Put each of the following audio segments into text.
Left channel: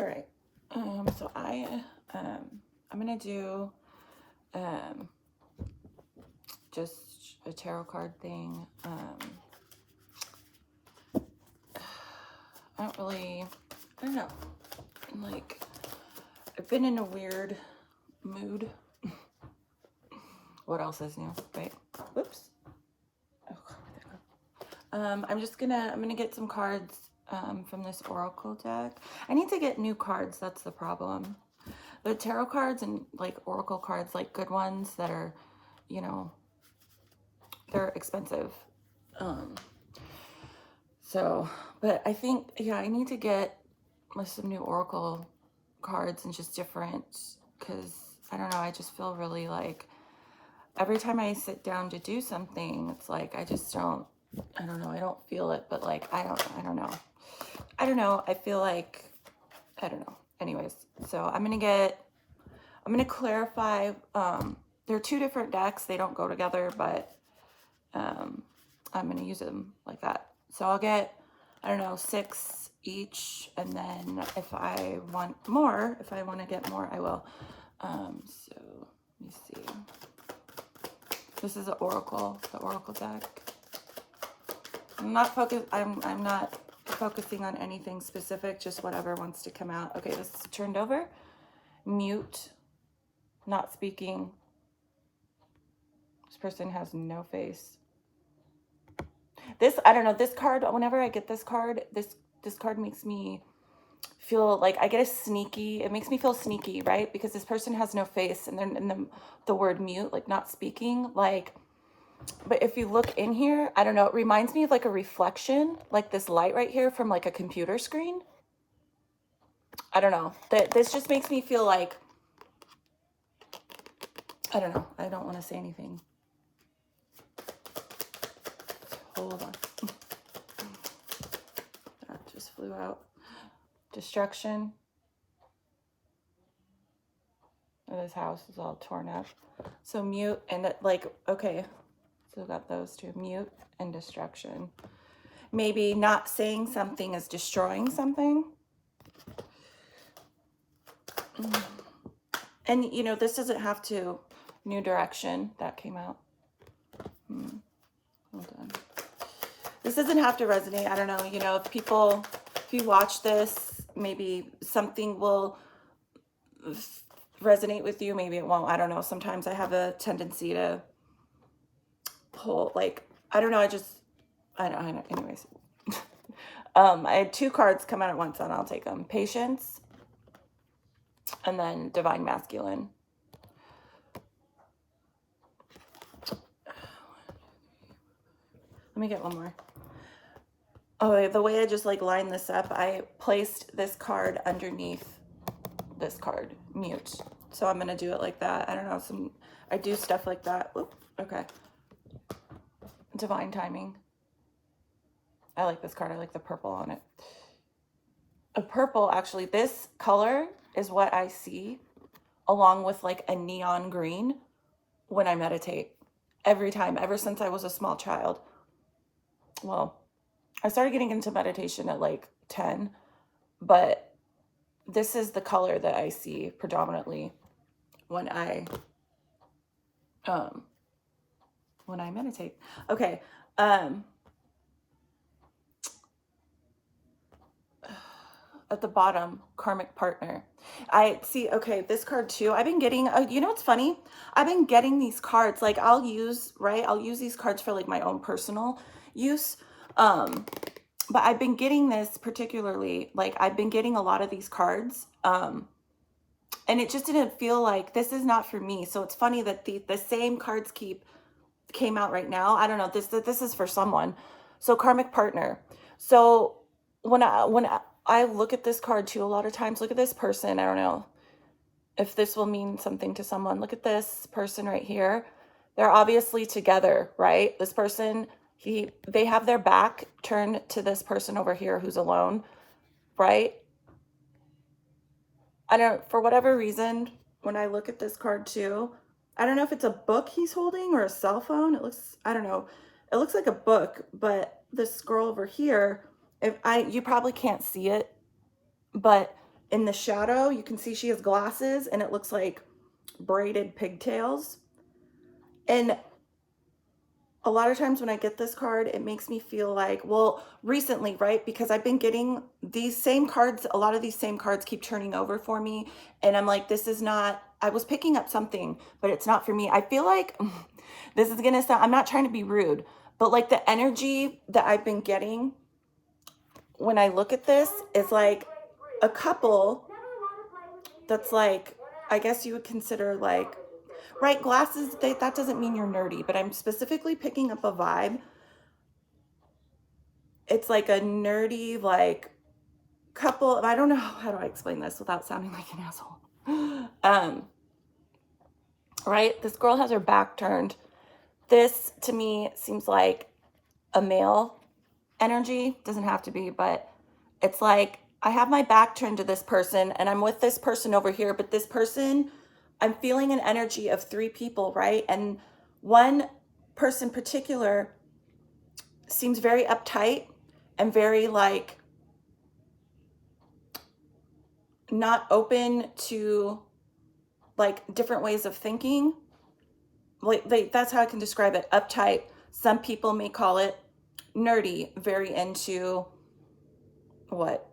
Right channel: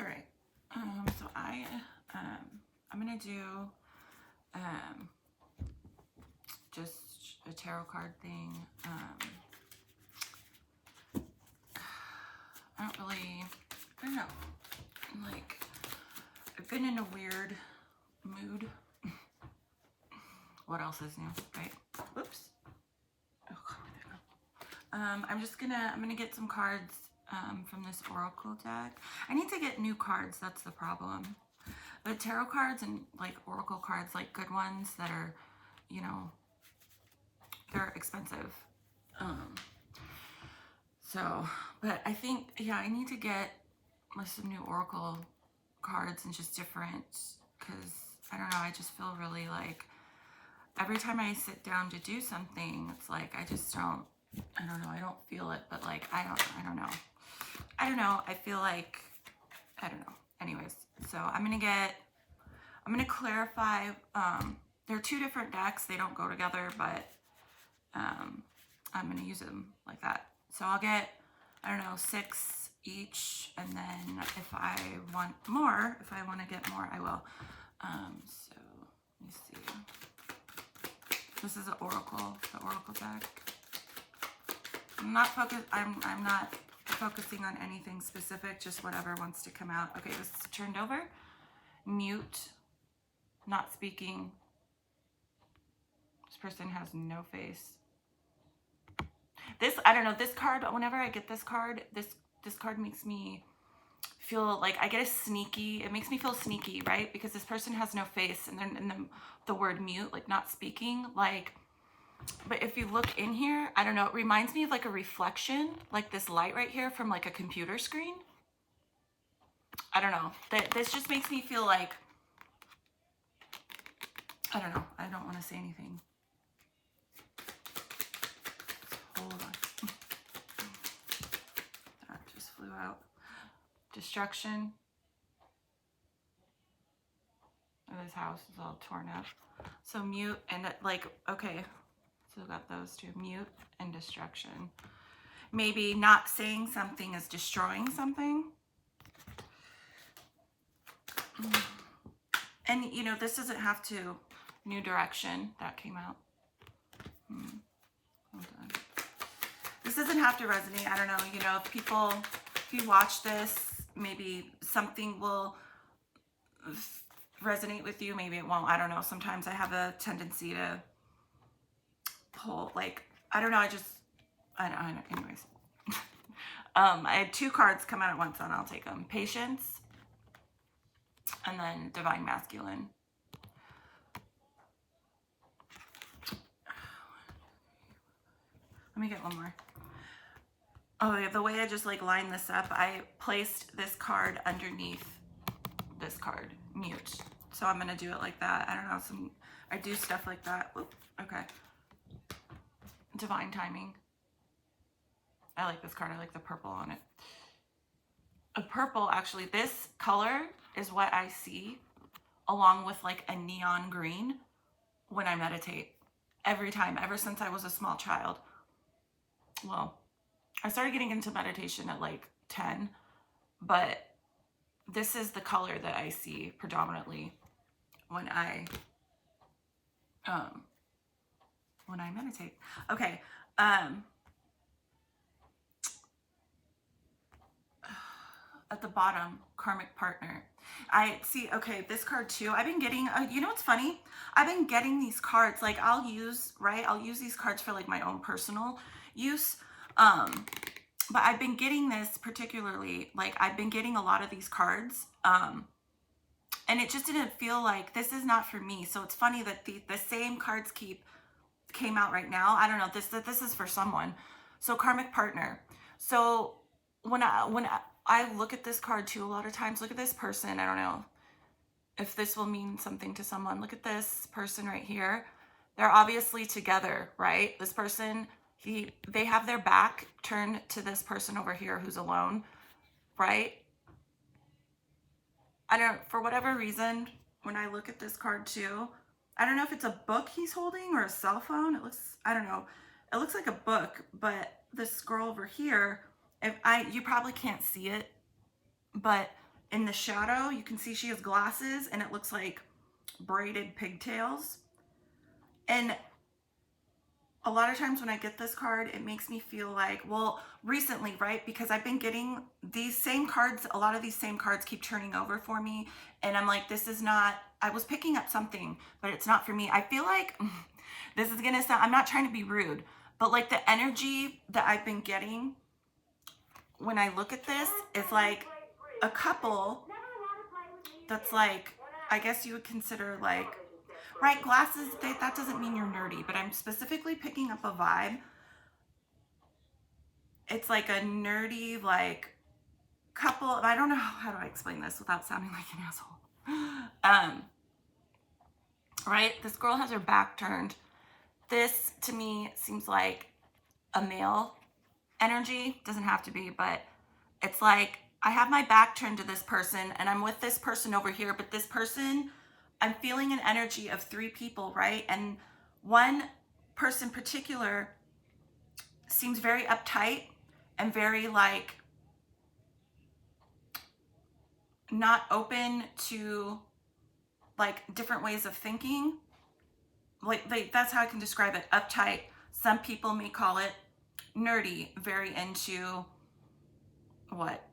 All right. So I'm gonna do just a tarot card thing. I don't know. Like, I've been in a weird mood. What else is new? Right? Whoops. Oh, I'm gonna get some cards from this oracle deck. I need to get new cards. That's the problem. The tarot cards and like oracle cards, like good ones that are, you know, they're expensive. So, but I think, yeah, I need to get some new oracle cards and just different, because I don't know, I just feel really like every time I sit down to do something, it's like I just don't, I don't know, I don't feel it, but like I don't know. I feel like, I don't know. Anyways, so I'm gonna clarify. There are two different decks, they don't go together, but I'm gonna use them like that. So I'll get, I don't know, 6 each, and then if I want to get more, I will. So let me see. This is the oracle deck. I'm not focusing on anything specific, just whatever wants to come out. Okay, this is turned over. Mute, not speaking. This person has no face. This, I don't know, this card, whenever I get this card, this card makes me feel like I get it makes me feel sneaky, right? Because this person has no face, and then the word mute, like not speaking, like, but if you look in here, I don't know, it reminds me of like a reflection, like this light right here from like a computer screen. I don't know, this just makes me feel like, I don't know, I don't want to say anything. Hold on. That just flew out. Destruction. This house is all torn up. So mute and like, okay, so got those two, mute and destruction. Maybe not saying something is destroying something. And you know, this doesn't have to, new direction, that came out. Hold on. This doesn't have to resonate. I don't know, you know, if you watch this, maybe something will resonate with you, maybe it won't. I don't know. Sometimes I have a tendency to pull, like, I don't know, I don't, anyways. I had 2 cards come out at once, and I'll take them. Patience, and then Divine Masculine. Let me get one more. Oh, the way I just like lined this up, I placed this card underneath this card, mute. So I'm gonna do it like that. I don't know, I do stuff like that. Oop, okay. Divine timing. I like this card. I like the purple on it. A purple, actually, this color is what I see along with like a neon green when I meditate. Every time, ever since I was a small child. Well, I started getting into meditation at like 10, but this is the color that I see predominantly when I meditate. Okay. At the bottom, karmic partner. I see, okay, this card too. I've been getting, you know what's funny? I've been getting these cards, like I'll use these cards for like my own personal use. But I've been getting this particularly, like I've been getting a lot of these cards. And it just didn't feel like, this is not for me. So it's funny that the same cards came out right now. I don't know, this is for someone. So karmic partner. So when I look at this card too, a lot of times, look at this person. I don't know if this will mean something to someone. Look at this person right here. They're obviously together, right? This person, they have their back turned to this person over here who's alone, right? I don't, for whatever reason, when I look at this card too, I don't know if it's a book he's holding or a cell phone. It looks, I don't know. It looks like a book, but this girl over here, you probably can't see it, but in the shadow, you can see she has glasses and it looks like braided pigtails. And a lot of times when I get this card, it makes me feel like, well, recently, right? Because I've been getting these same cards, a lot of these same cards keep turning over for me. And I'm like, this is not, I was picking up something, but it's not for me. I feel like this is going to sound, I'm not trying to be rude, but like the energy that I've been getting when I look at this is like a couple that's like, I guess you would consider like, right, glasses, that doesn't mean you're nerdy, but I'm specifically picking up a vibe. It's like a nerdy, like couple, I don't know, how do I explain this without sounding like an asshole? Right, this girl has her back turned. This to me seems like a male energy, doesn't have to be, but it's like I have my back turned to this person and I'm with this person over here, but this person, I'm feeling an energy of three people, right? And one person in particular seems very uptight and very like not open to like different ways of thinking. Like that's how I can describe it. Uptight. Some people may call it nerdy, very into what?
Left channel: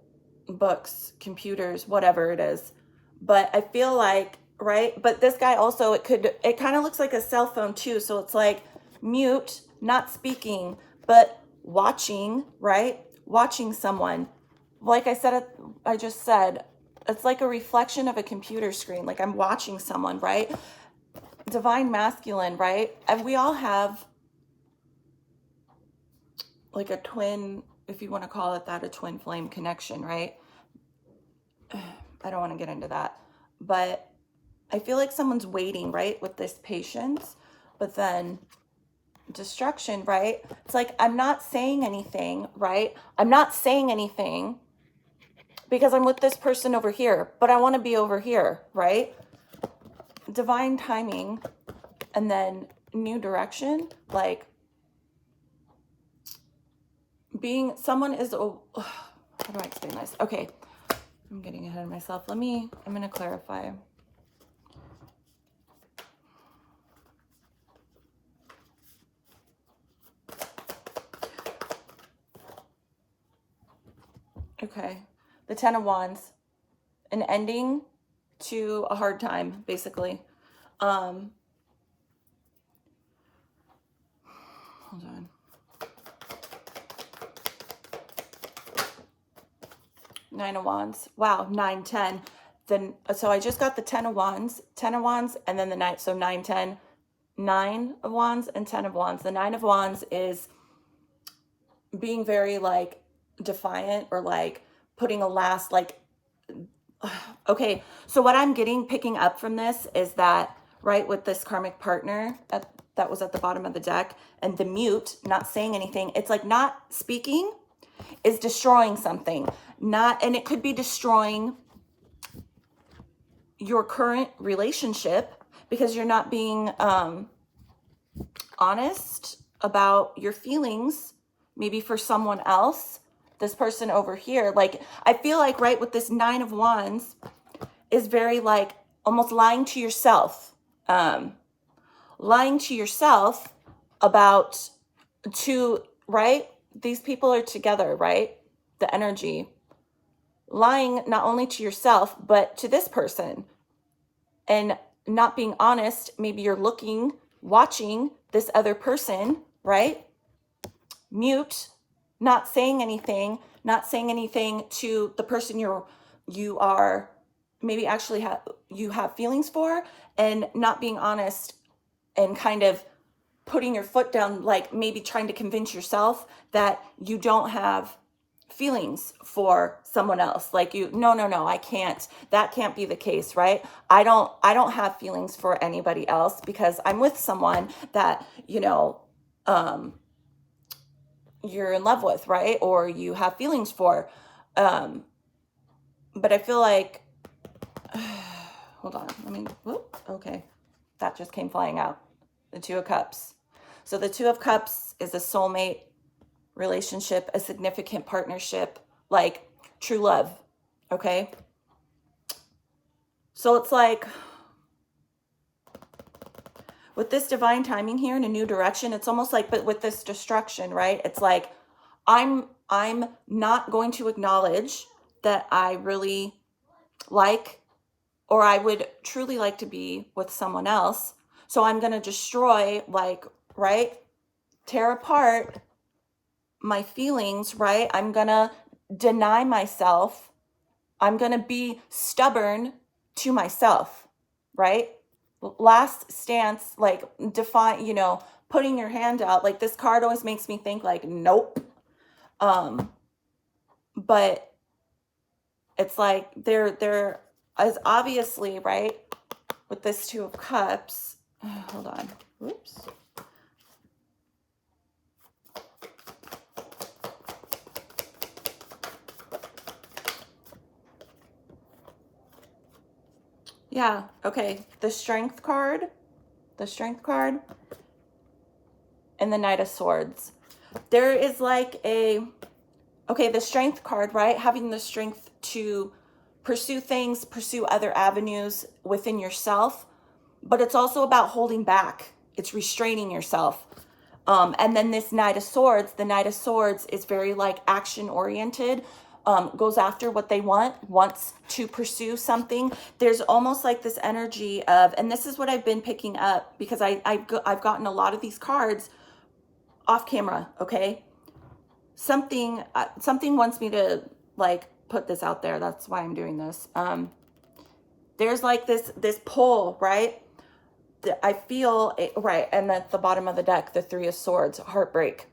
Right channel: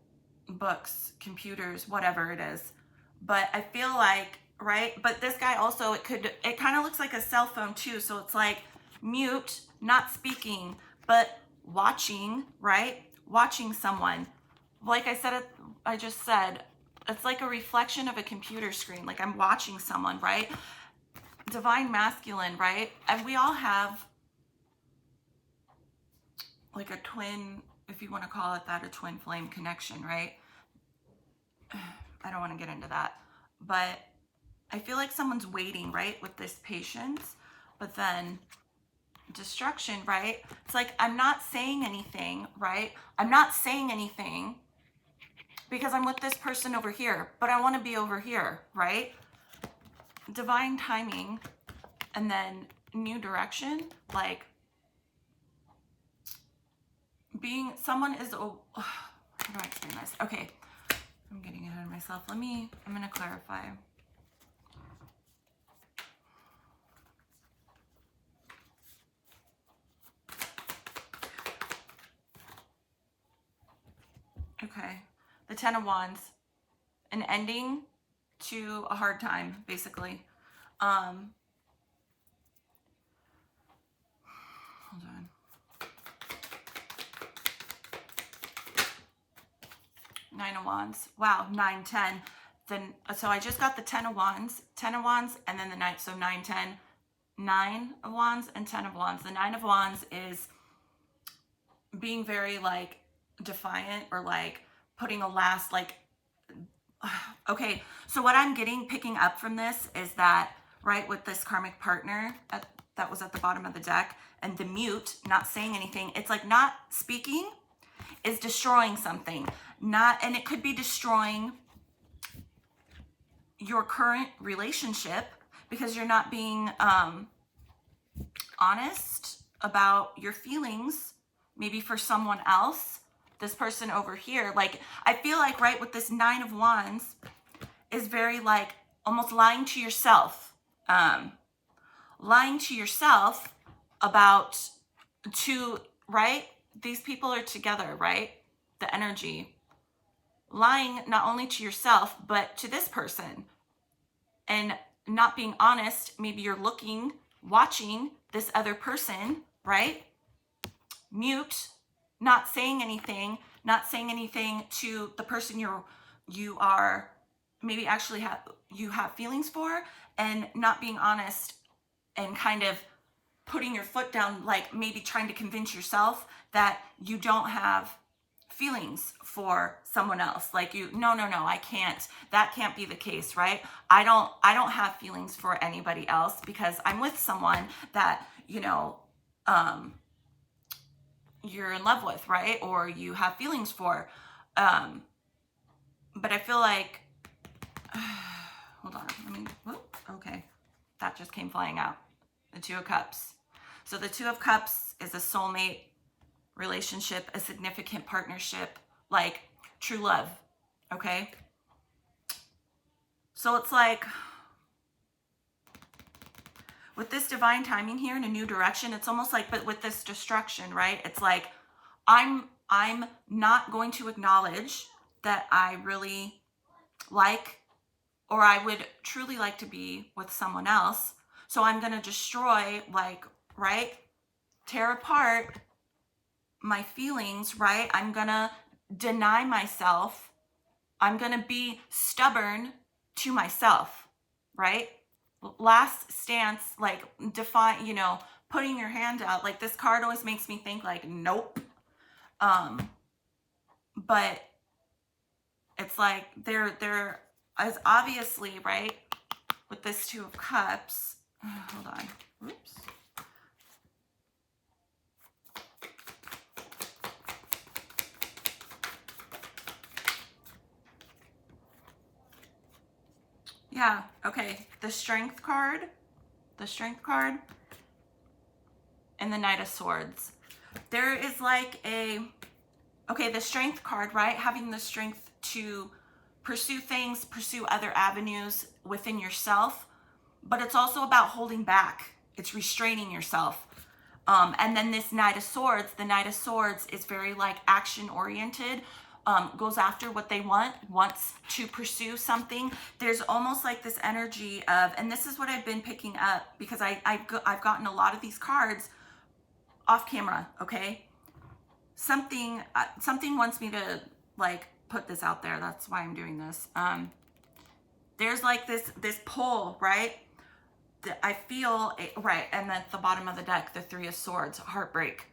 Books, computers, whatever it is. But I feel like, right? But this guy also, it kind of looks like a cell phone too. So it's like mute, not speaking, but watching, right? Watching someone. Like I just said, it's like a reflection of a computer screen. Like I'm watching someone, right? Divine masculine, right? And we all have like a twin, if you want to call it that, a twin flame connection, right? I don't want to get into that, but I feel like someone's waiting, right? With this patience, but then destruction, right? It's like, I'm not saying anything, right? I'm not saying anything because I'm with this person over here, but I want to be over here, right? Divine timing and then new direction, like being someone is, oh, how do I explain this? Okay, I'm getting ahead of myself. I'm going to clarify. Okay, the Ten of Wands, an ending to a hard time, basically. Hold on. Nine of Wands. Wow, 9, 10. Then, so I just got the 10 of Wands, and then the 9. So 9, 10, 9 of Wands and 10 of Wands. The 9 of Wands is being very like defiant or like putting a last like, okay. So what I'm picking up from this is that, right, with this karmic partner that was at the bottom of the deck and the mute, not saying anything, it's like not speaking is destroying something. And it could be destroying your current relationship because you're not being honest about your feelings, maybe for someone else, this person over here. Like, I feel like, right, with this 9 of Wands is very like almost lying to yourself. Lying to yourself about right? These people are together, right? The energy. Lying not only to yourself, but to this person. And not being honest. Maybe you're watching this other person, right? Mute, not saying anything to the person you are maybe actually you have feelings for, and not being honest and kind of putting your foot down, like maybe trying to convince yourself that you don't have feelings for someone else. Like no, I can't, that can't be the case, right? I don't have feelings for anybody else because I'm with someone that, you're in love with, right? Or you have feelings for. But I feel like, hold on, okay. That just came flying out. The 2 of Cups. So the 2 of Cups is a soulmate relationship, a significant partnership, like true love, okay? So it's like with this divine timing here in a new direction, it's almost like, but with this destruction, right? It's like I'm not going to acknowledge that I really like, or I would truly like to be with someone else. So I'm going to destroy, like, right? Tear apart my feelings, right? I'm going to deny myself. I'm going to be stubborn to myself, right? Last stance, like define, putting your hand out. Like this card always makes me think like, nope. But it's like there is obviously, right, with this Two of Cups. Hold on. Whoops. Yeah, okay. The Strength card, and the Knight of Swords. There is like okay, the Strength card, right? Having the strength to pursue things, pursue other avenues within yourself, but it's also about holding back. It's restraining yourself. And then this Knight of Swords, the Knight of Swords is very like action oriented, goes after what they want, wants to pursue something. There's almost like this energy of, and this is what I've been picking up because I've gotten a lot of these cards off camera, okay? Something wants me to like put this out there. That's why I'm doing this. There's like this pull, right? I feel it, right, and at the bottom of the deck, the Three of Swords, heartbreak.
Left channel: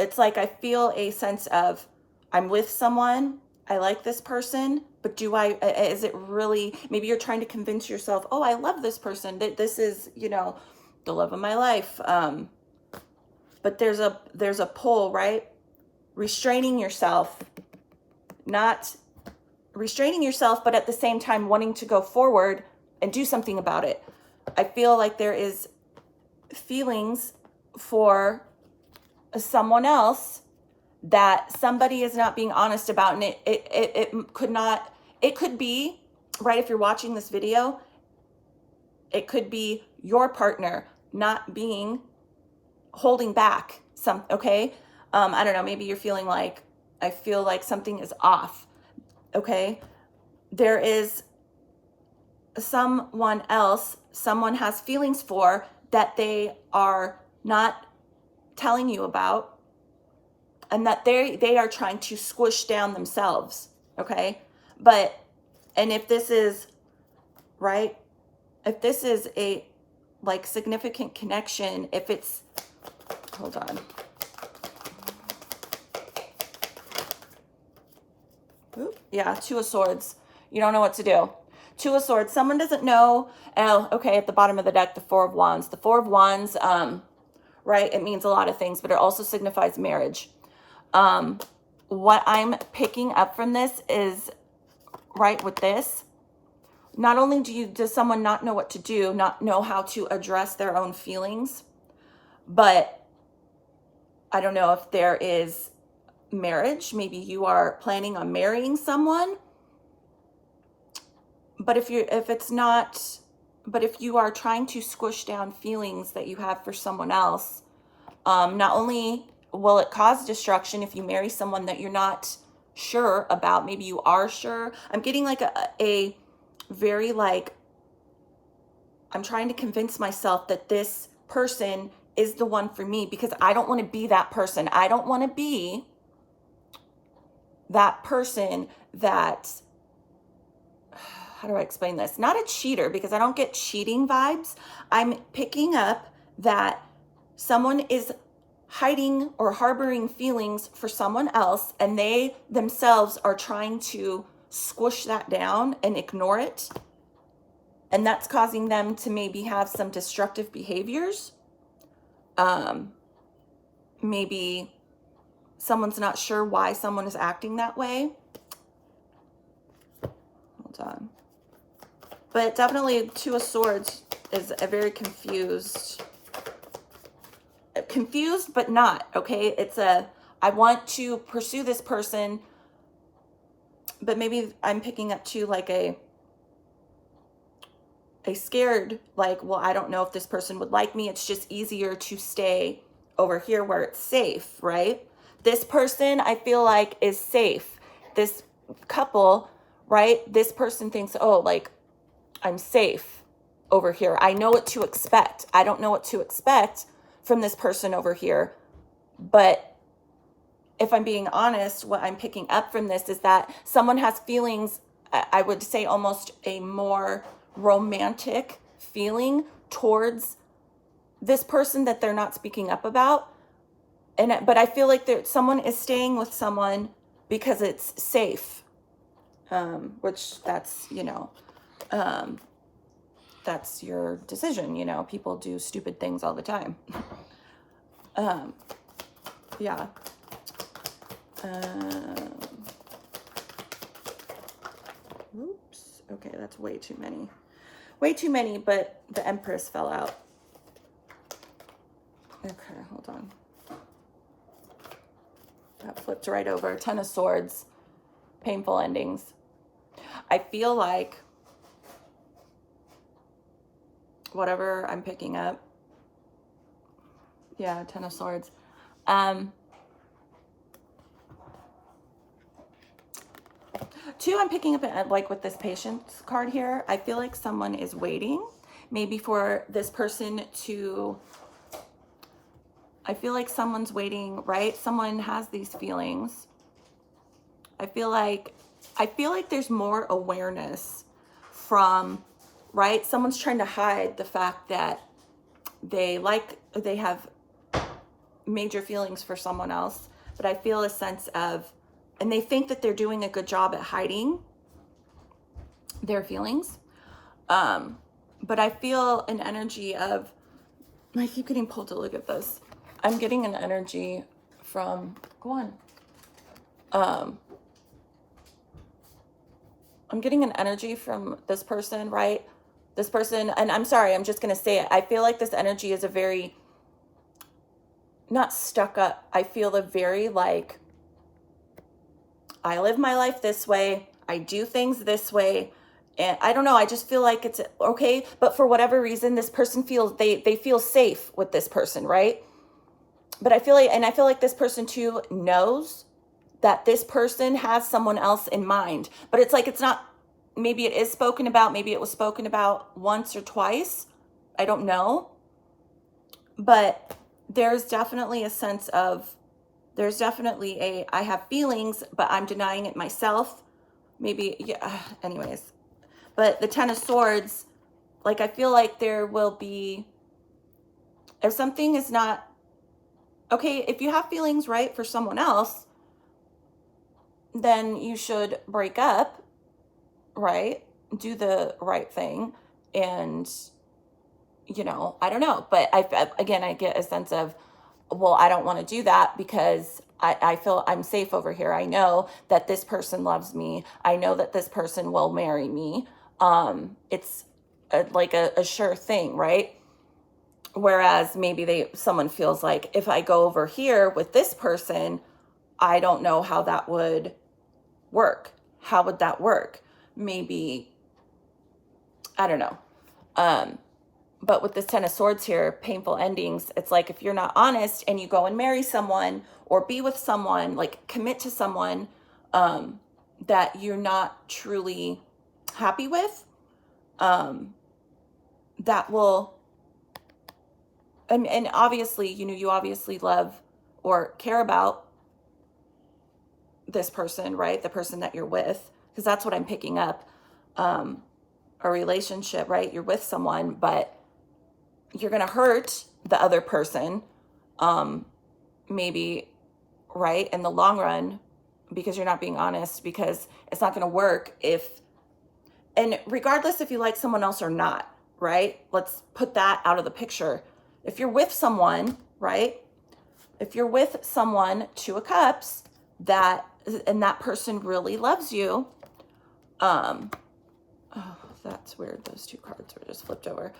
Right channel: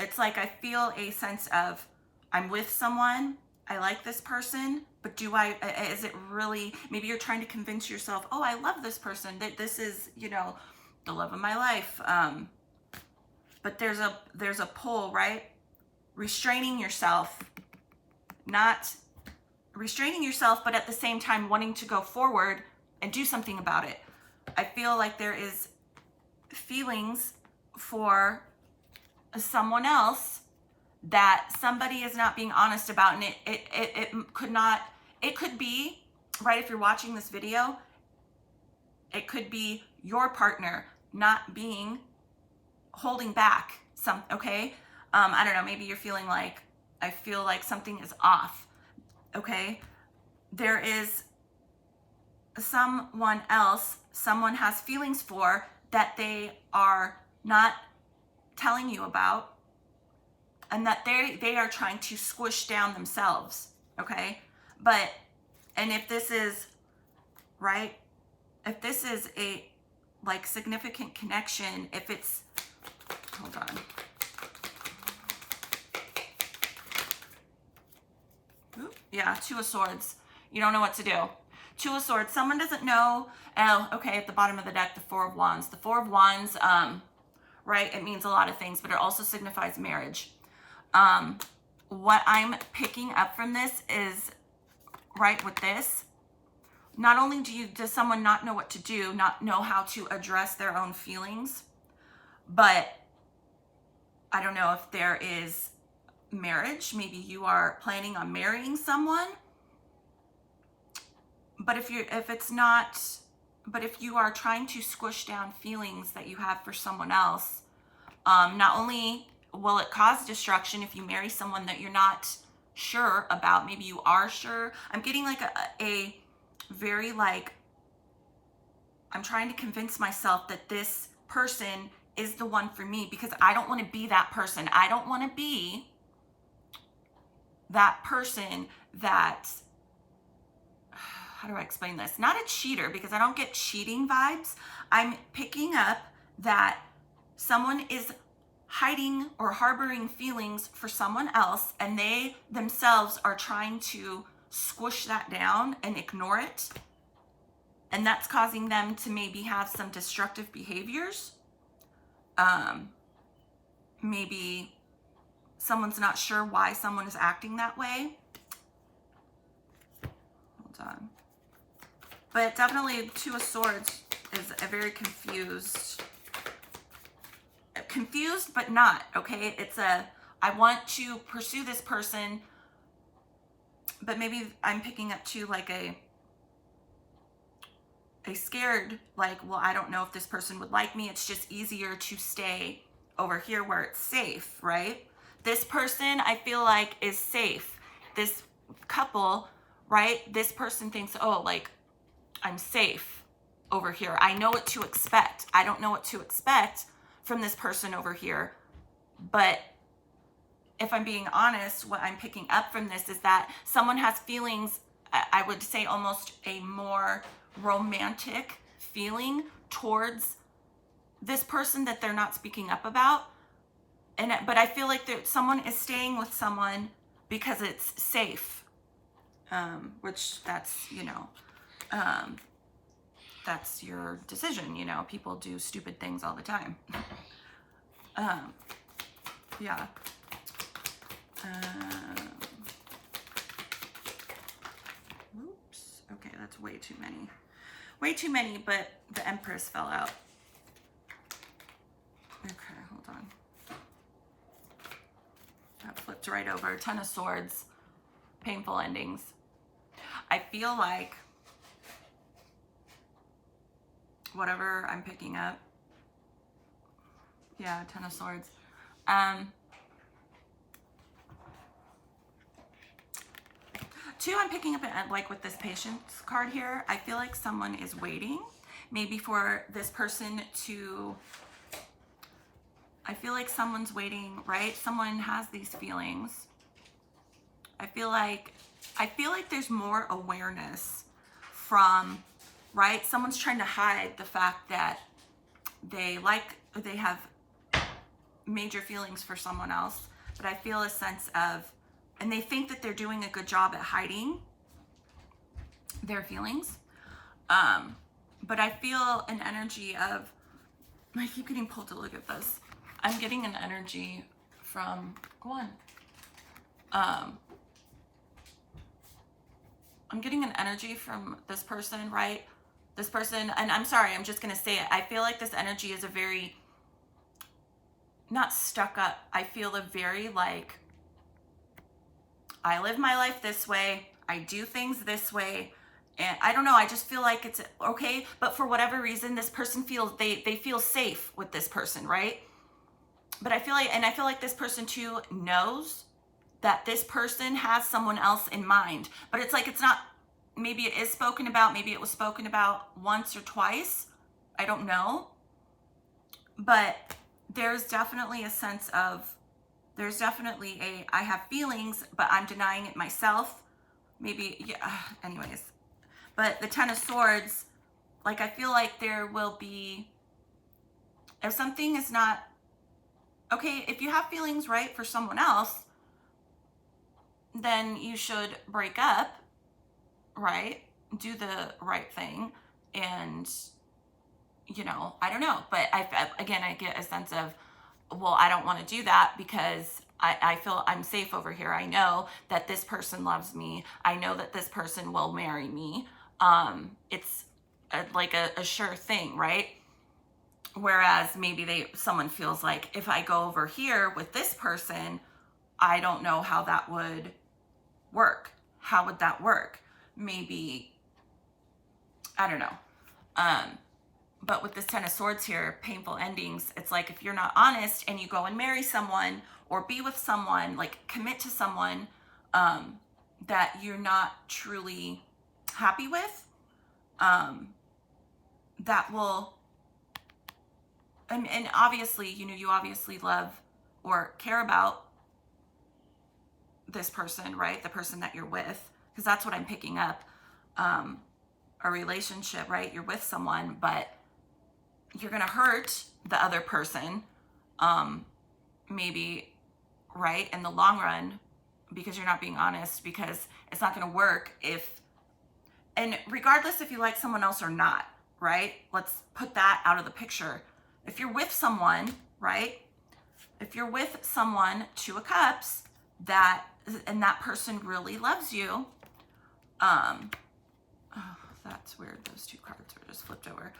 It's like I feel a sense of I'm with someone, I like this person, but is it really, maybe you're trying to convince yourself, oh, I love this person, that this is, the love of my life. But there's a pull, right? Restraining yourself, not restraining yourself, but at the same time wanting to go forward and do something about it. I feel like there is feelings for someone else that somebody is not being honest about, and it could be, right, if you're watching this video, it could be your partner not being, holding back okay? I don't know, maybe you're feeling like, I feel like something is off, okay? There is someone else, someone has feelings for that they are not telling you about, and that they are trying to squish down themselves, okay? But, and if this is, right, if this is a like significant connection, if it's, hold on. Oop, yeah, Two of Swords. You don't know what to do. Two of Swords. Someone doesn't know. Oh, okay, at the bottom of the deck, the Four of Wands. The Four of Wands, right, it means a lot of things, but it also signifies marriage. What I'm picking up from this is, right, with this, not only does someone not know what to do, not know how to address their own feelings, but I don't know if there is marriage. Maybe you are planning on marrying someone. But if you are trying to squish down feelings that you have for someone else, not only will it cause destruction if you marry someone that you're not sure about, maybe you are sure. I'm getting like a very like, I'm trying to convince myself that this person is the one for me because I don't want to be that person. I don't want to be that person that, how do I explain this? Not a cheater, because I don't get cheating vibes. I'm picking up that someone is hiding or harboring feelings for someone else, and they themselves are trying to squish that down and ignore it. And that's causing them to maybe have some destructive behaviors. Maybe someone's not sure why someone is acting that way. Hold on. But definitely Two of Swords is a very confused, but not, okay? It's I want to pursue this person, but maybe I'm picking up too like a, a scared, like, well, I don't know if this person would like me. It's just easier to stay over here where it's safe, right? This person I feel like is safe. This couple, right? This person thinks, oh, like, I'm safe over here. I know what to expect. I don't know what to expect from this person over here. But if I'm being honest, what I'm picking up from this is that someone has feelings, I would say almost a more romantic feeling towards this person that they're not speaking up about. But I feel like someone is staying with someone because it's safe, which that's, that's your decision. People do stupid things all the time. Yeah. Oops. Okay, that's way too many. Way too many, but the Empress fell out. Okay, hold on. That flipped right over. Ten of Swords. Painful endings. I feel like whatever I'm picking up. Yeah, Ten of Swords. Two, I'm picking up like with this Patience card here. I feel like someone is waiting maybe for this person to, I feel like someone's waiting, right? Someone has these feelings. I feel like there's more awareness from, right? Someone's trying to hide the fact that they have major feelings for someone else, but I feel a sense of, and they think that they're doing a good job at hiding their feelings. But I feel an energy of, I keep getting pulled to look at this. I'm getting an energy from, go on. I'm getting an energy from this person, right? This person, and I'm sorry, I'm just going to say it. I feel like this energy is a very, not stuck up. I feel a very like, I live my life this way. I do things this way. And I don't know, I just feel like it's okay. But for whatever reason, this person feels, they feel safe with this person, right? But I feel like this person too knows that this person has someone else in mind. But it's like, it's not, maybe it is spoken about. Maybe it was spoken about once or twice. I don't know. But there's definitely a sense of, there's definitely I have feelings, but I'm denying it myself. Maybe, yeah, anyways. But the Ten of Swords, like, I feel like there will be, if something is not, okay, if you have feelings, right, for someone else, then you should break up, right? Do the right thing. And, I don't know. But again, I get a sense of, well, I don't want to do that because I feel I'm safe over here. I know that this person loves me. I know that this person will marry me. It's like a sure thing, right? Whereas maybe someone feels like, if I go over here with this person, I don't know how that would work. How would that work? Maybe, I don't know. But with this Ten of Swords here, painful endings, it's like, if you're not honest and you go and marry someone or be with someone, like commit to someone that you're not truly happy with, that will, and obviously, you obviously love or care about this person, right? The person that you're with, because that's what I'm picking up. A relationship, right? You're with someone, but you're going to hurt the other person, maybe, right, in the long run, because you're not being honest, because it's not going to work and regardless if you like someone else or not, right? Let's put that out of the picture. If you're with someone, right? If you're with someone, Two of Cups, and that person really loves you, oh, that's weird. Those two cards were just flipped over.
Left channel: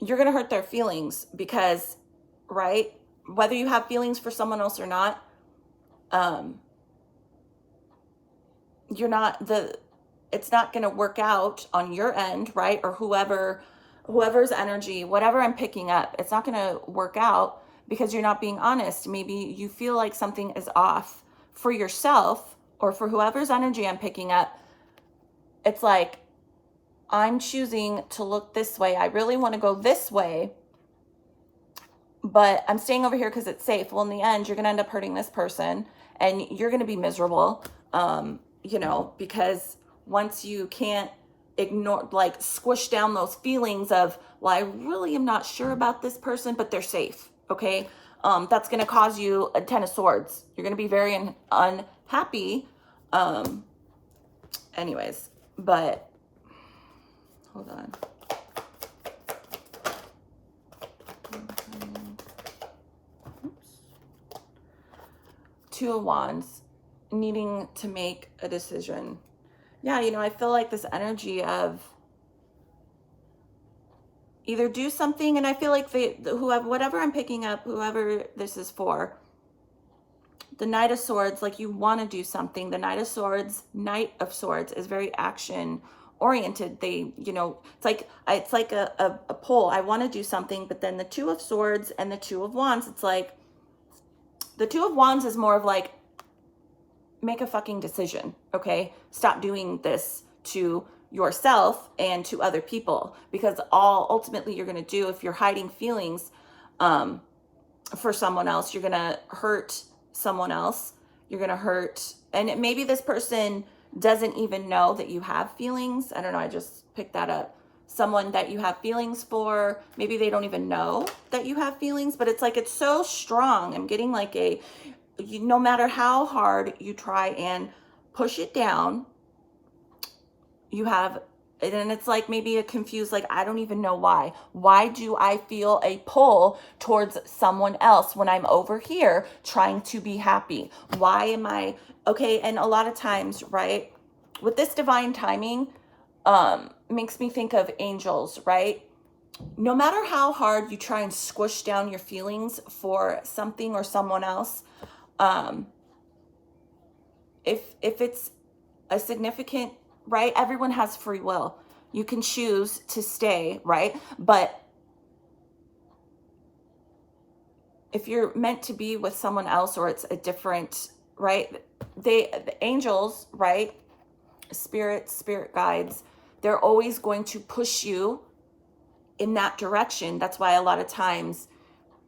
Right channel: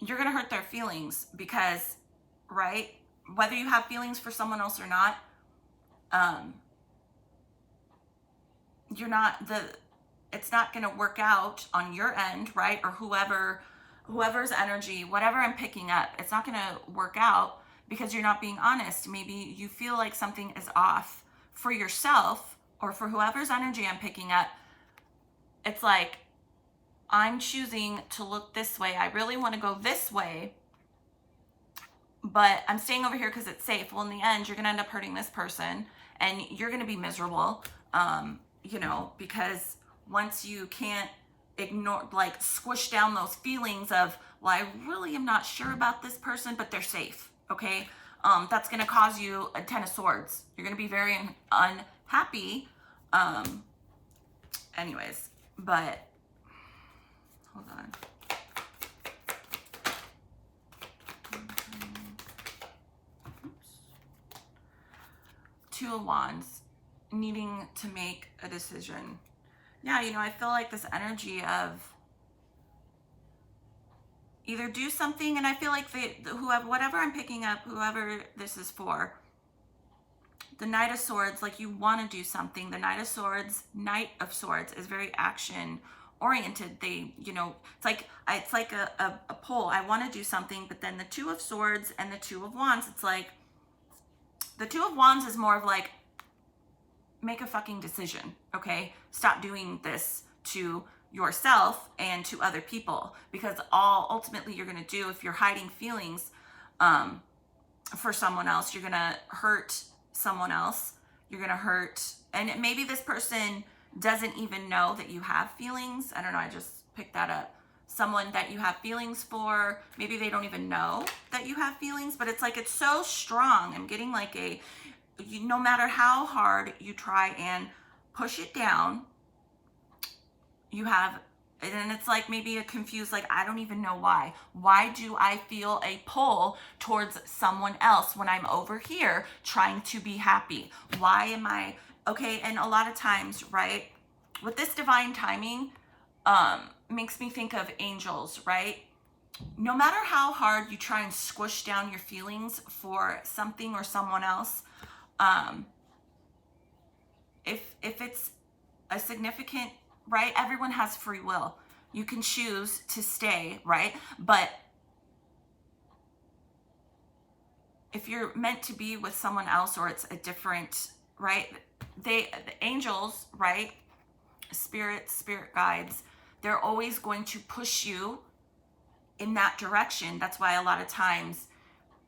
You're going to hurt their feelings because, right? Whether you have feelings for someone else or not, you're not it's not going to work out on your end, right? Or whoever's energy, whatever I'm picking up, it's not going to work out because you're not being honest. Maybe you feel like something is off for yourself or for whoever's energy I'm picking up. It's like, I'm choosing to look this way. I really want to go this way, but I'm staying over here because it's safe. Well, in the end, you're going to end up hurting this person and you're going to be miserable, because once you can't ignore, like squish down those feelings of, well, I really am not sure about this person, but they're safe. Okay. That's going to cause you a 10 of swords. You're going to be very unhappy. Anyways, but hold on. Two of Wands, needing to make a decision. Yeah, I feel like this energy of either do something, and I feel like whatever I'm picking up, whoever this is for, the Knight of Swords, like you want to do something. The Knight of Swords is very action oriented. They, it's like a pull. I want to do something, but then the Two of Swords and the Two of Wands, it's like the Two of Wands is more of like, make a fucking decision, okay? Stop doing this to yourself and to other people, because all ultimately you're going to do, if you're hiding feelings for someone else, you're going to hurt someone else. You're going to hurt, and maybe this person doesn't even know that you have feelings. I don't know, I just picked that up. Someone that you have feelings for, maybe they don't even know that you have feelings, but it's like, it's so strong. I'm getting like no matter how hard you try and push it down, you have, and it's like maybe a confused, like, I don't even know why. Why do I feel a pull towards someone else when I'm over here trying to be happy? Why am I, okay, and a lot of times, right, with this divine timing, makes me think of angels, right? No matter how hard you try and squish down your feelings for something or someone else, if it's a significant, right, everyone has free will. You can choose to stay, right? But if you're meant to be with someone else, or it's a different, right, the angels, right, spirit guides, they're always going to push you in that direction. That's why a lot of times,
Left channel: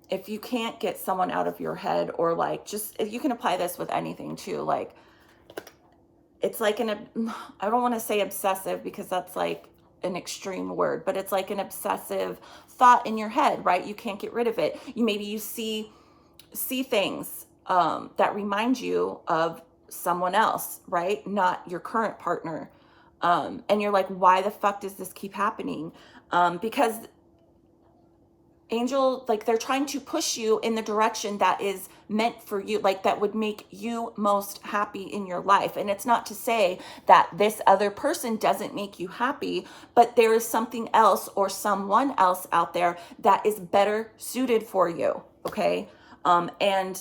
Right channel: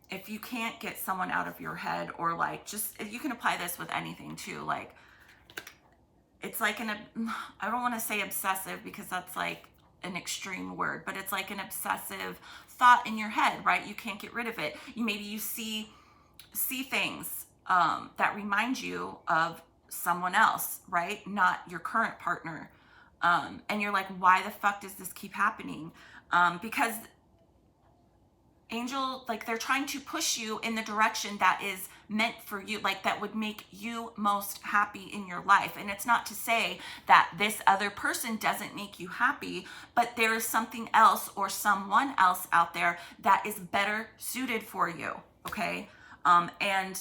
if you can't get someone out of your head, or like, just, you can apply this with anything too, like, it's like I don't want to say obsessive because that's like an extreme word, but it's like an obsessive thought in your head, right? You can't get rid of it. Maybe you see things that remind you of someone else, right? Not your current partner. And you're like, why the fuck does this keep happening? Because angel, like, they're trying to push you in the direction that is meant for you, like that would make you most happy in your life. And it's not to say that this other person doesn't make you happy, but there is something else or someone else out there that is better suited for you, okay? And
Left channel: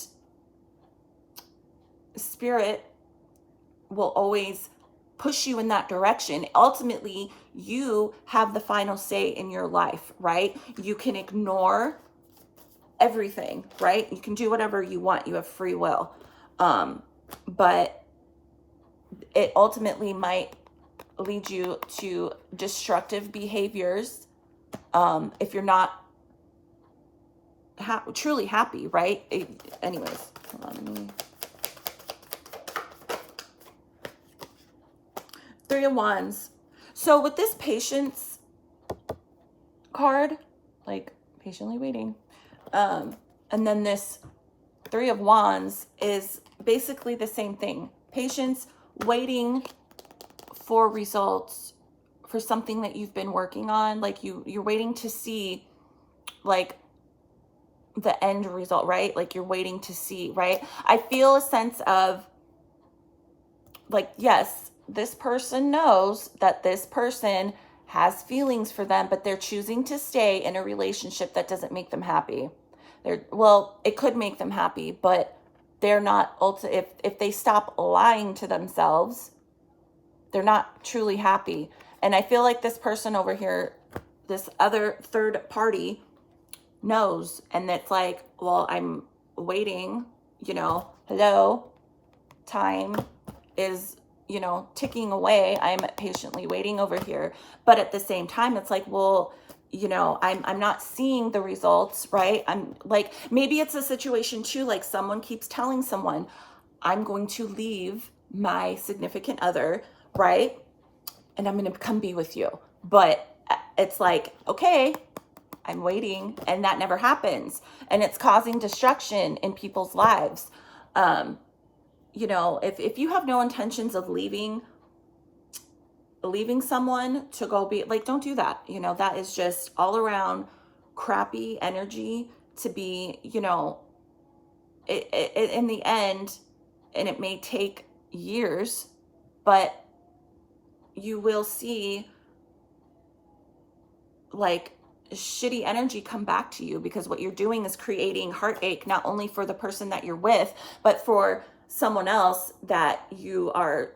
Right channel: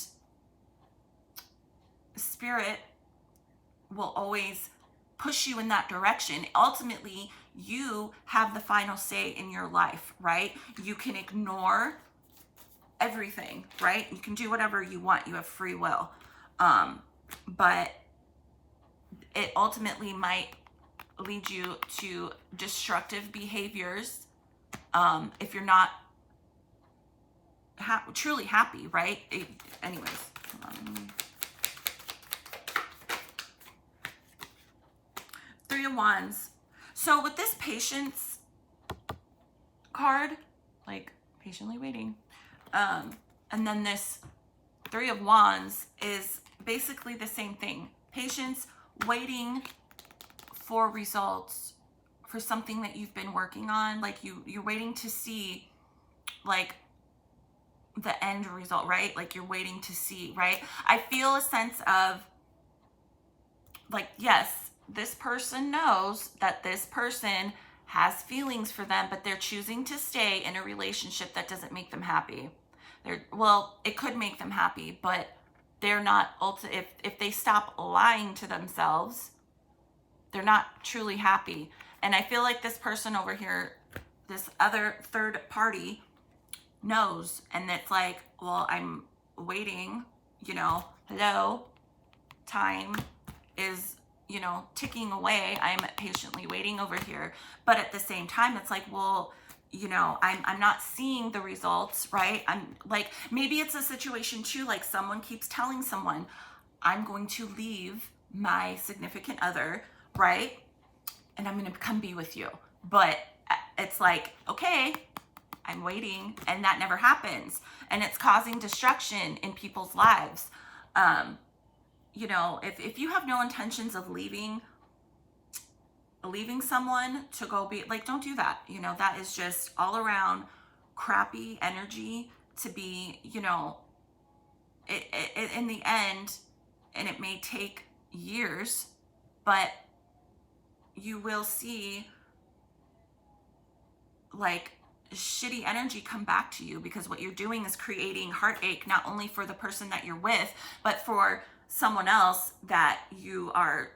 spirit will always push you in that direction. Ultimately, you have the final say in your life, right? You can ignore everything, right? You can do whatever you want. You have free will. But it ultimately might lead you to destructive behaviors if you're not truly happy, right? Anyways, hold on. Three of Wands. So with this patience card, like patiently waiting, and then this Three of Wands is basically the same thing. Patience, waiting for results for something that you've been working on. Like you're waiting to see like the end result, right? Like you're waiting to see, right? I feel a sense of like, yes, this person knows that this person has feelings for them, but they're choosing to stay in a relationship that doesn't make them happy. Well, it could make them happy, but they're not, if they stop lying to themselves, They're not truly happy. And I feel like this person over here, this other third party, knows. And it's like, well, I'm waiting, you know, hello, time is, you know, ticking away. I'm patiently waiting over here. But at the same time, it's like, well, you know, I'm not seeing the results, right? I'm like, maybe it's a situation too, like someone keeps telling someone, I'm going to leave my significant other, right? And I'm going to come be with you. But it's like, okay, I'm waiting, and that never happens. And it's causing destruction in people's lives. You know, if you have no intentions of leaving someone to go be like, don't do that. You know, that is just all around crappy energy to be, you know, it in the end, and it may take years, but you will see like shitty energy come back to you, because what you're doing is creating heartache, not only for the person that you're with, but for someone else that you are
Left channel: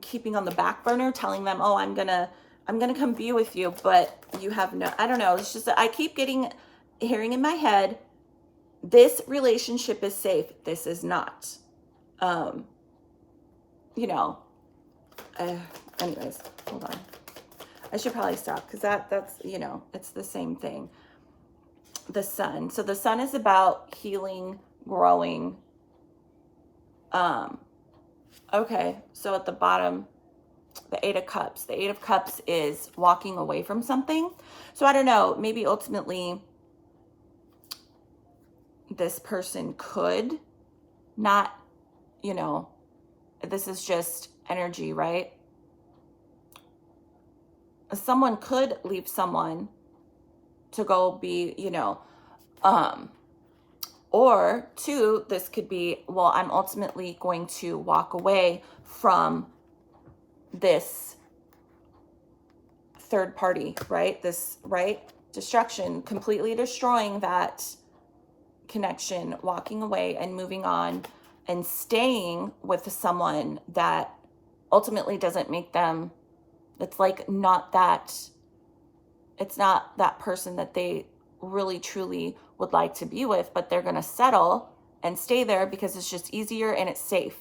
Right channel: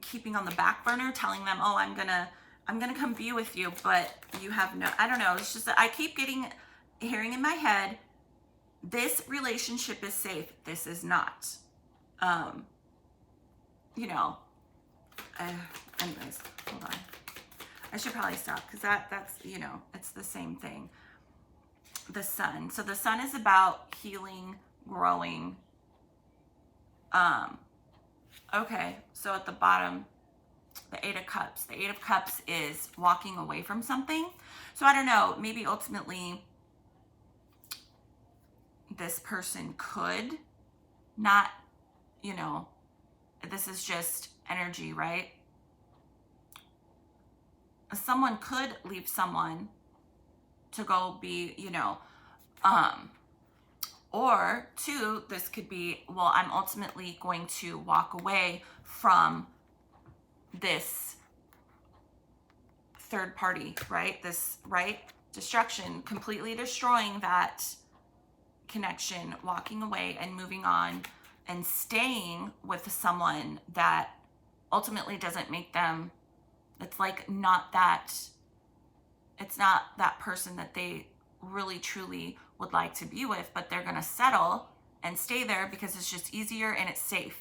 keeping on the back burner, telling them, oh, I'm gonna come be with you, but you have no, I don't know, it's just, I keep hearing in my head, this relationship is safe, this is not. You know, anyways, hold on. I should probably stop, because that's, you know, it's the same thing. The sun. So the sun is about healing, growing. Okay, so at the bottom, the Eight of Cups. The Eight of Cups is walking away from something. So I don't know, maybe ultimately this person could not, you know, this is just energy, right? Someone could leave someone to go be, you know, or two, this could be, well, I'm ultimately going to walk away from this third party, right? This, right? Destruction, completely destroying that connection, walking away and moving on and staying with someone that ultimately doesn't make them, it's like not that, it's not that person that they really truly would like to be with, but they're going to settle and stay there because it's just easier and it's safe.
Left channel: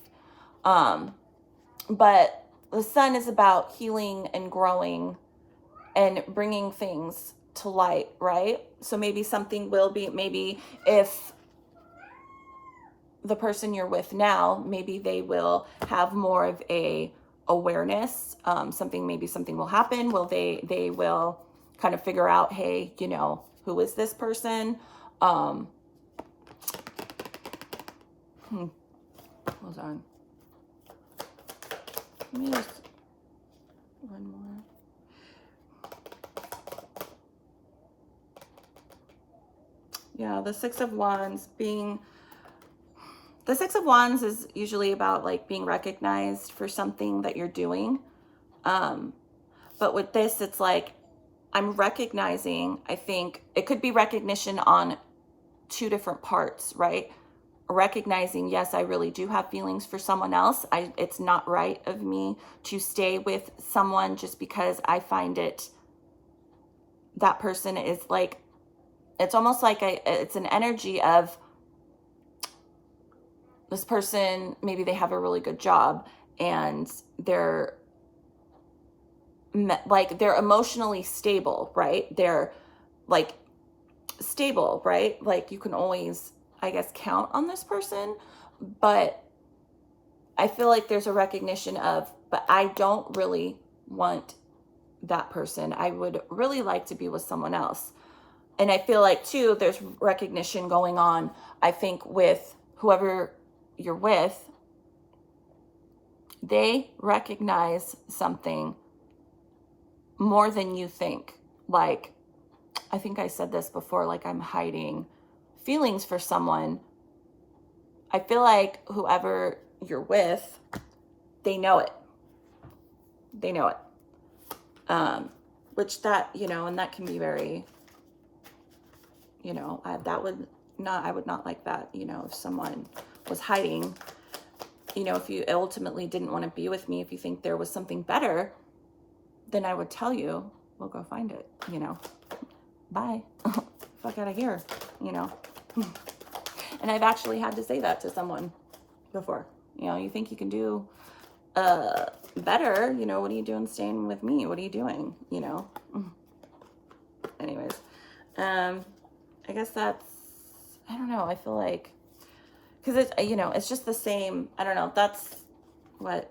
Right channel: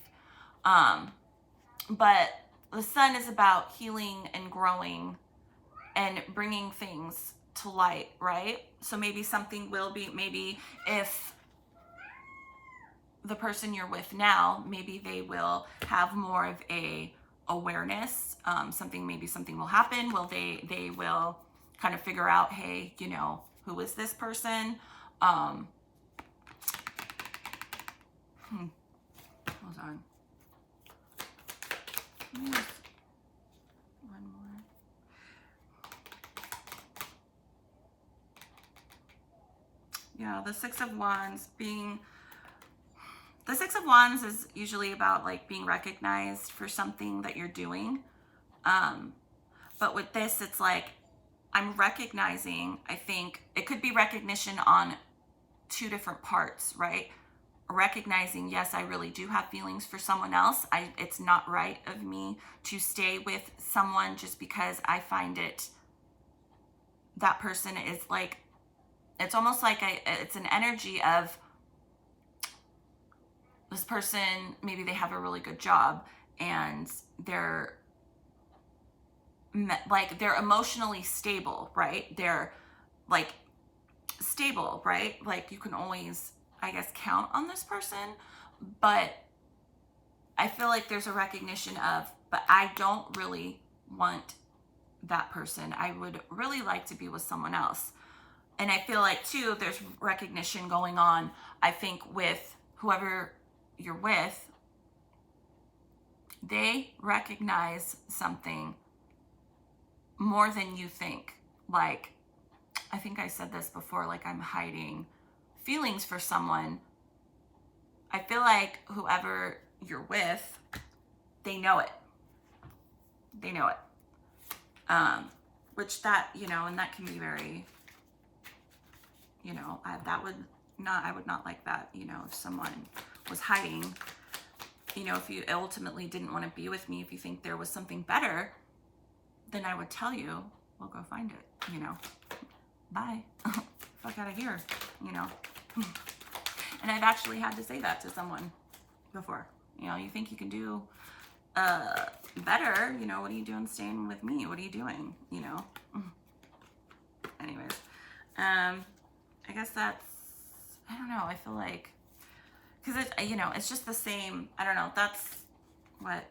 But the sun is about healing and growing and bringing things to light, right? So maybe something will be, maybe if the person you're with now, maybe they will have more of a awareness. Maybe something will happen. They will kind of figure out, hey, you know, who is this person? Hold on. Let me just, one more. Yeah, the Six of Wands being, the Six of Wands is usually about like being recognized for something that you're doing. But with this, it's like, I'm recognizing, I think it could be recognition on two different parts, right? Recognizing, yes, I really do have feelings for someone else. It's not right of me to stay with someone just because I find it, that person is like, it's almost like it's an energy of this person, maybe they have a really good job and they're emotionally stable, right? They're like stable, right? Like you can always, I guess, count on this person, but I feel like there's a recognition of, but I don't really want that person. I would really like to be with someone else. And I feel like too, there's recognition going on, I think, with whoever you're with. They recognize something more than you think. Like, I think I said this before, like I'm hiding feelings for someone. I feel like whoever you're with, they know it. They know it. Which that, you know, and that can be very, you know, I would not like that, you know, if someone was hiding you know, if you ultimately didn't want to be with me, if you think there was something better, then I would tell you, well, go find it, you know, bye, fuck out of here, you know. And I've actually had to say that to someone before. You know, you think you can do better, you know, what are you doing staying with me? What are you doing, you know? Anyways, I guess that's, I don't know, I feel like, because it's, you know, it's just the same, I don't know, that's what,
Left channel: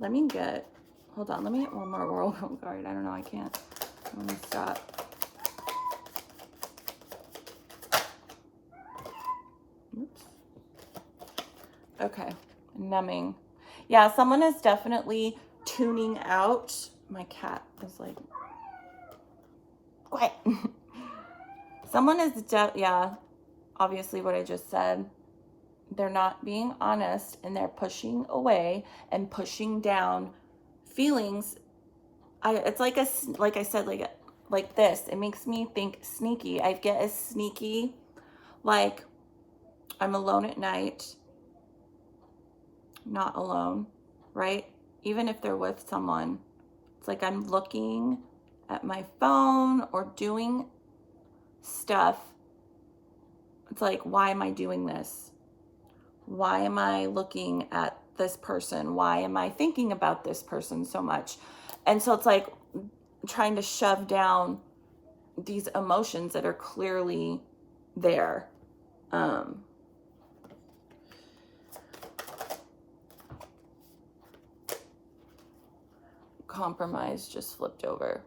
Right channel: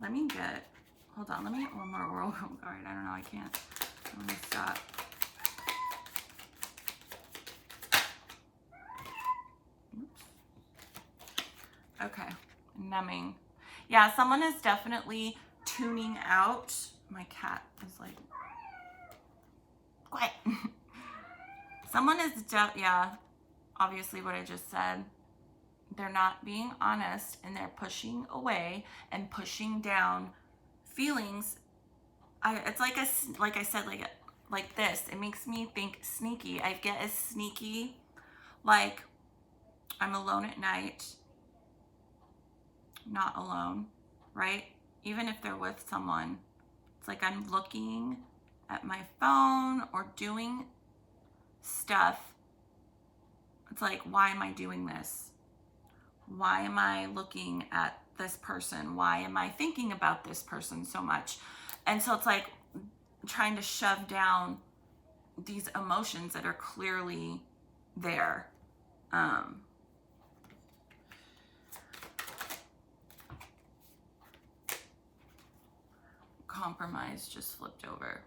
let me get, hold on, let me get one more oracle card. I don't know, I can't, let me stop. Oops. Okay, numbing. Yeah, someone is definitely tuning out. My cat is like, quiet. Someone is, yeah, obviously what I just said. They're not being honest and they're pushing away and pushing down feelings. It's like like I said, like this. It makes me think sneaky. I get as sneaky, like I'm alone at night, not alone, right? Even if they're with someone, it's like I'm looking at my phone or doing stuff. It's like, why am I doing this? Why am I looking at this person? Why am I thinking about this person so much? And so it's like trying to shove down these emotions that are clearly there. Compromise just flipped over.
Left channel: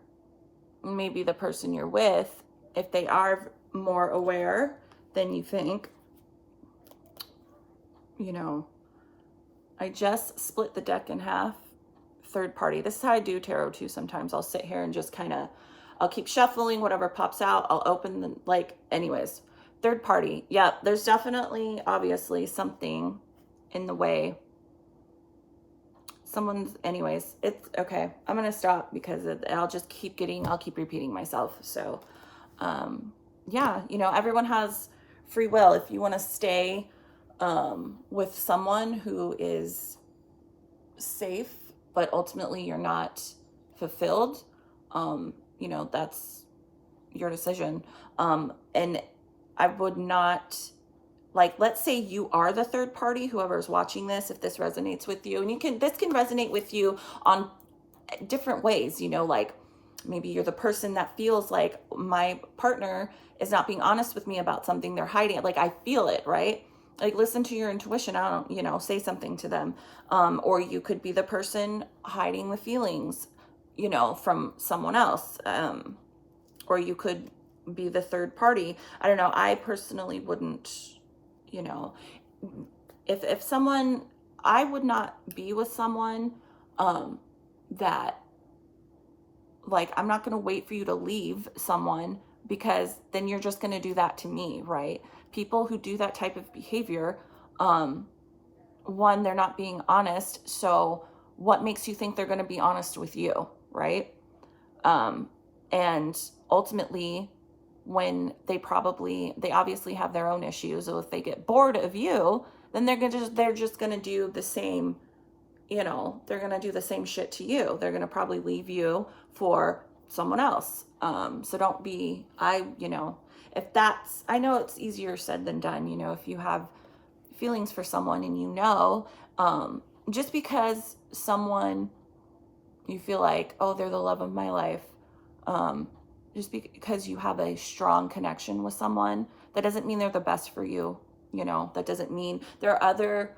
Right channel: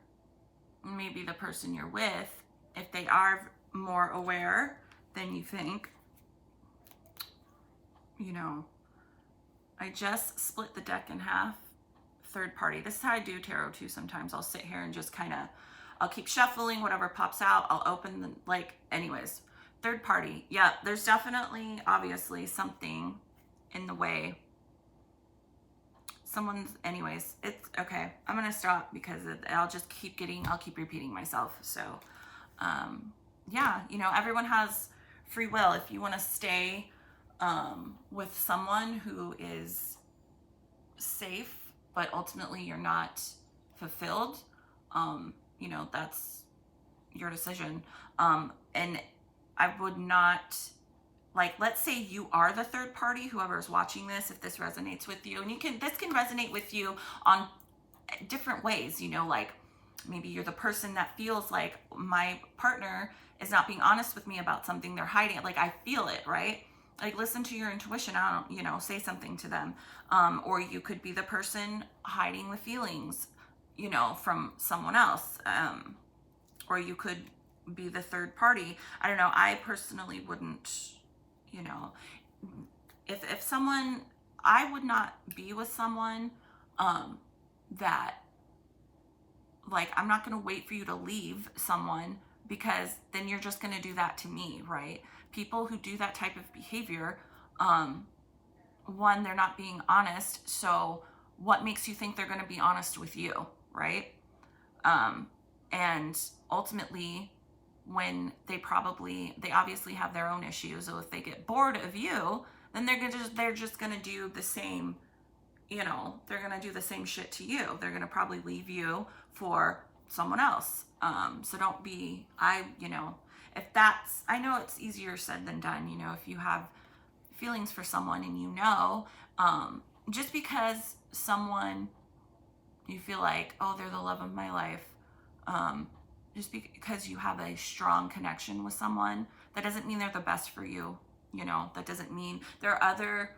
Maybe the person you're with, if they are more aware than you think, you know, I just split the deck in half. Third party. This is how I do tarot too. Sometimes I'll sit here and just kind of, I'll keep shuffling whatever pops out. I'll open the, like, anyways. Third party. Yeah, there's definitely, obviously, something in the way. Someone's, anyways, it's okay. I'm going to stop because I'll just keep I'll keep repeating myself. So, yeah, you know, everyone has free will. If you want to stay with someone who is safe, but ultimately you're not fulfilled, you know, that's your decision. And I would not, like, let's say you are the third party, whoever's watching this, if this resonates with you, and this can resonate with you on different ways, you know, like maybe you're the person that feels like my partner is not being honest with me about something they're hiding. Like, I feel it, right? Like, listen to your intuition. I don't, you know, say something to them. Or you could be the person hiding the feelings, you know, from someone else. Or you could be the third party. I don't know. I personally wouldn't, you know, if someone, I would not be with someone, that, like, I'm not going to wait for you to leave someone, because then you're just going to do that to me, right? People who do that type of behavior, one, they're not being honest. So what makes you think they're going to be honest with you, right? And ultimately, when they obviously have their own issues. So if they get bored of you, then they're just going to do the same, you know, they're going to do the same shit to you. They're going to probably leave you for someone else. So don't be, you know, if that's, I know it's easier said than done, you know, if you have feelings for someone and you know, just because someone, you feel like, oh, they're the love of my life, just because you have a strong connection with someone, that doesn't mean they're the best for you. You know, that doesn't mean there are other,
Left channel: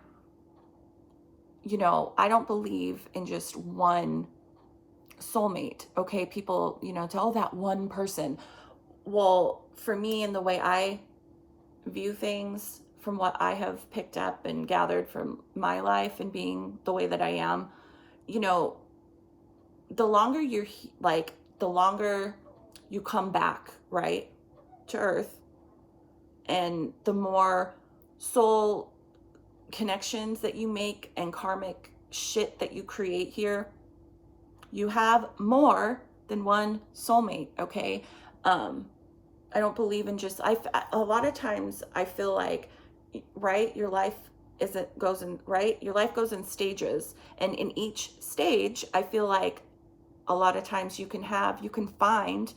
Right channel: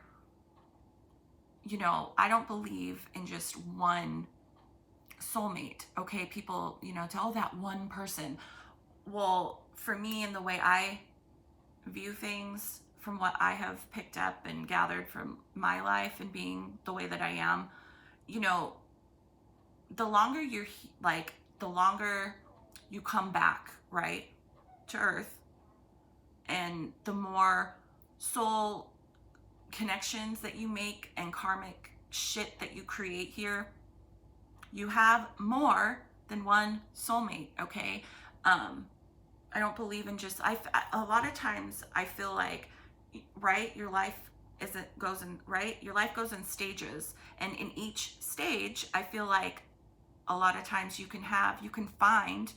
you know, I don't believe in just one soulmate. Okay, people, you know, tell that one person. Well, for me, in the way I view things, from what I have picked up and gathered from my life and being the way that I am, you know, the longer the longer you come back, right, to earth, and the more soul connections that you make and karmic shit that you create here, you have more than one soulmate, okay? I don't believe in just, a lot of times I feel like, right, your life goes in, right? Your life goes in stages. And in each stage, I feel like a lot of times you can find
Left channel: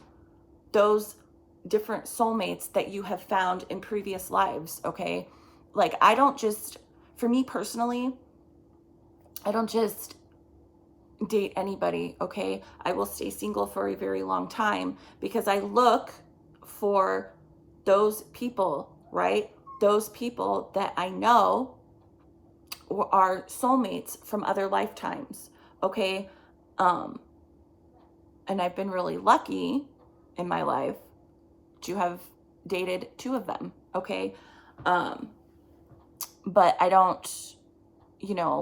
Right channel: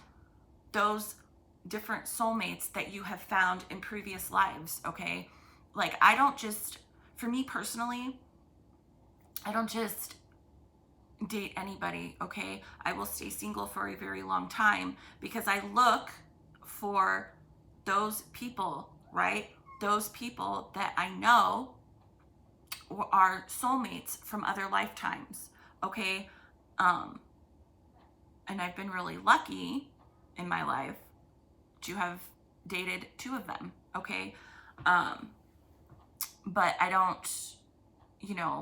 those different soulmates that you have found in previous lives, okay? Like, for me personally, I don't just date anybody, okay? I will stay single for a very long time because I look for those people, right? Those people that I know are soulmates from other lifetimes, okay? And I've been really lucky in my life to have dated 2 of them, okay? But I don't,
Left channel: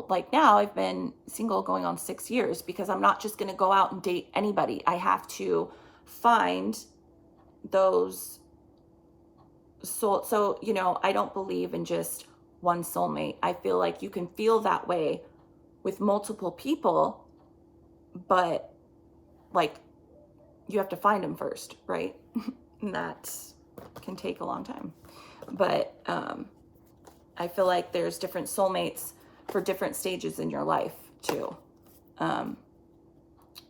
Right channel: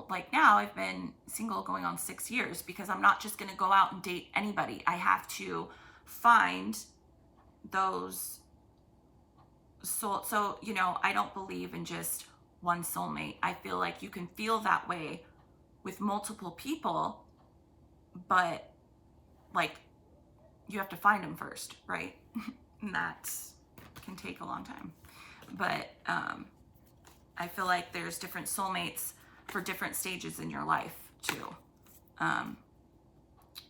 like now I've been single going on 6 years because I'm not just gonna go out and date anybody. I have to find those so, I don't believe in just one soulmate. I feel like you can feel that way with multiple people, but like you have to find them first, right? And that can take a long time. But I feel like there's different soulmates for different stages in your life too.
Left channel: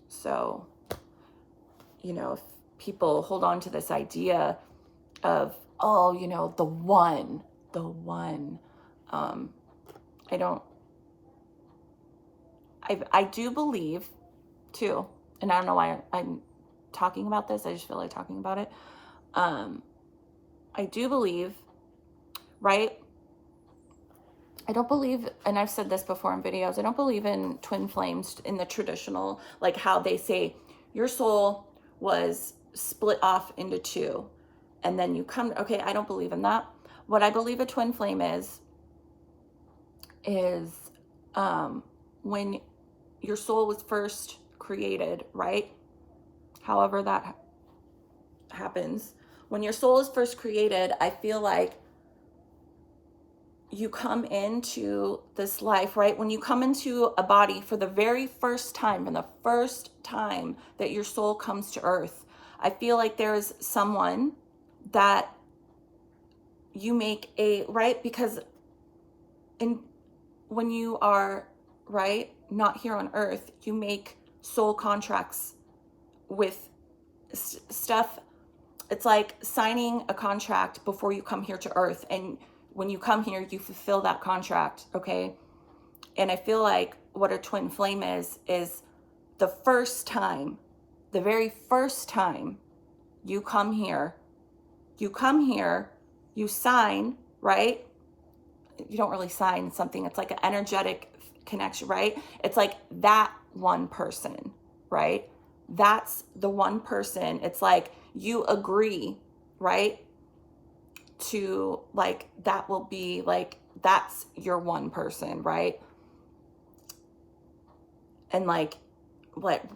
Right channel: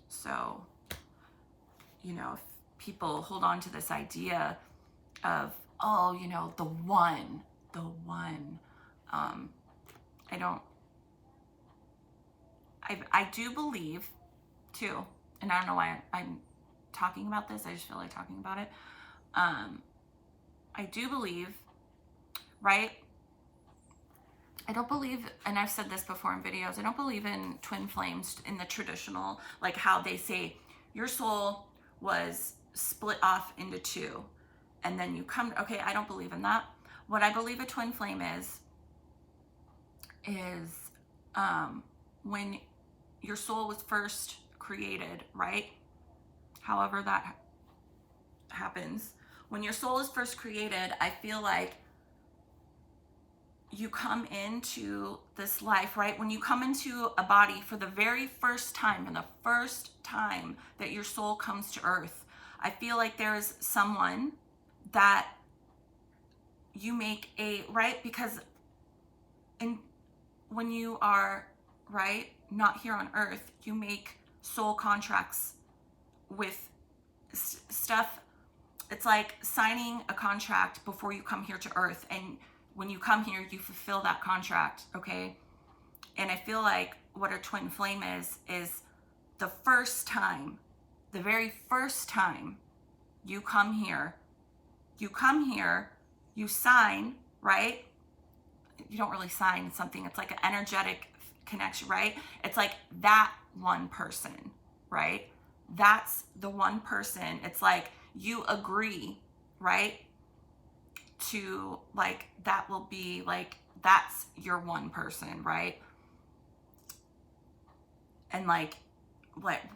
So, if people hold on to this idea of, oh, the one, I do believe too, and I don't know why I'm talking about this. I just feel like talking about it. I do believe, right? I don't believe, and I've said this before in videos, I don't believe in twin flames in the traditional, like how they say your soul was split off into 2 and then you come, okay, I don't believe in that. What I believe a twin flame is when your soul was first created, right? However that happens. When your soul is first created, I feel like you come into this life, right? When you come into a body for the very first time, and the first time that your soul comes to earth, I feel like there's someone that you make right? Because when you are, right, not here on earth, you make soul contracts with stuff. It's like signing a contract before you come here to earth, and when you come here, you fulfill that contract, okay? And I feel like what a twin flame is the first time, the very first time you come here, you sign, right? You don't really sign something. It's like an energetic connection, right? It's like that one person, right? That's the one person. It's like you agree, right? To like, that will be like, that's your one person, right? And like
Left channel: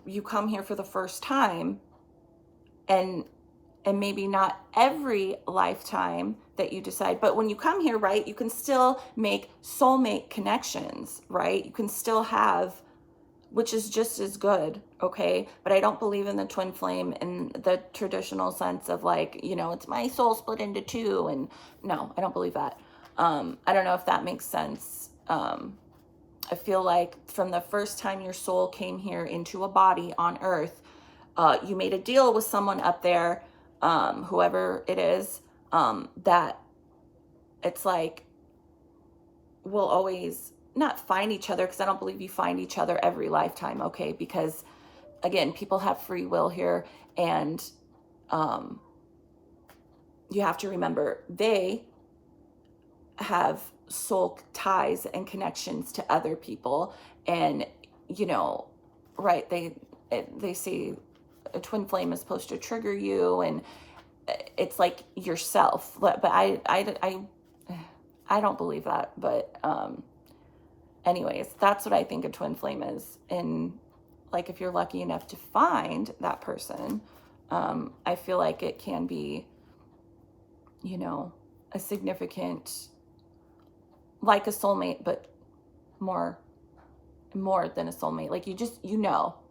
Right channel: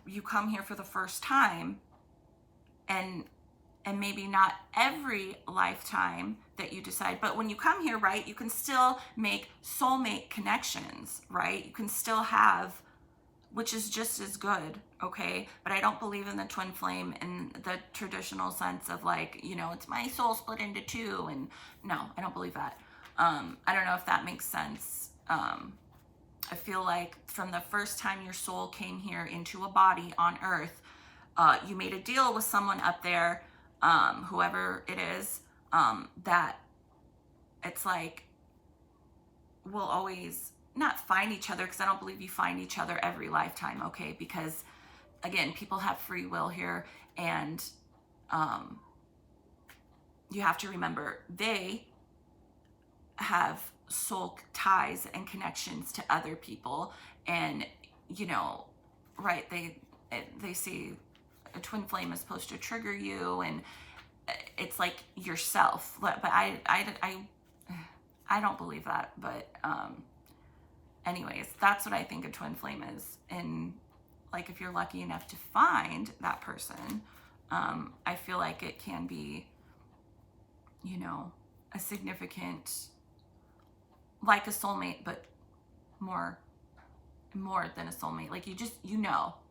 you come here for the first time, and maybe not every lifetime that you decide, but when you come here, right, you can still make soulmate connections, right? You can still have, which is just as good, okay? But I don't believe in the twin flame in the traditional sense of like, it's my soul split into 2, and no, I don't believe that. I don't know if that makes sense. I feel like from the first time your soul came here into a body on earth, you made a deal with someone up there, whoever it is, that it's like, we'll always not find each other, because I don't believe you find each other every lifetime, okay? Because again, people have free will here, and you have to remember they have soul ties and connections to other people, and right, they say a twin flame is supposed to trigger you, and it's like yourself, but I don't believe that. But anyways, that's what I think a twin flame is. And like, if you're lucky enough to find that person, I feel like it can be, a significant, like a soulmate, but more than a soulmate. Like,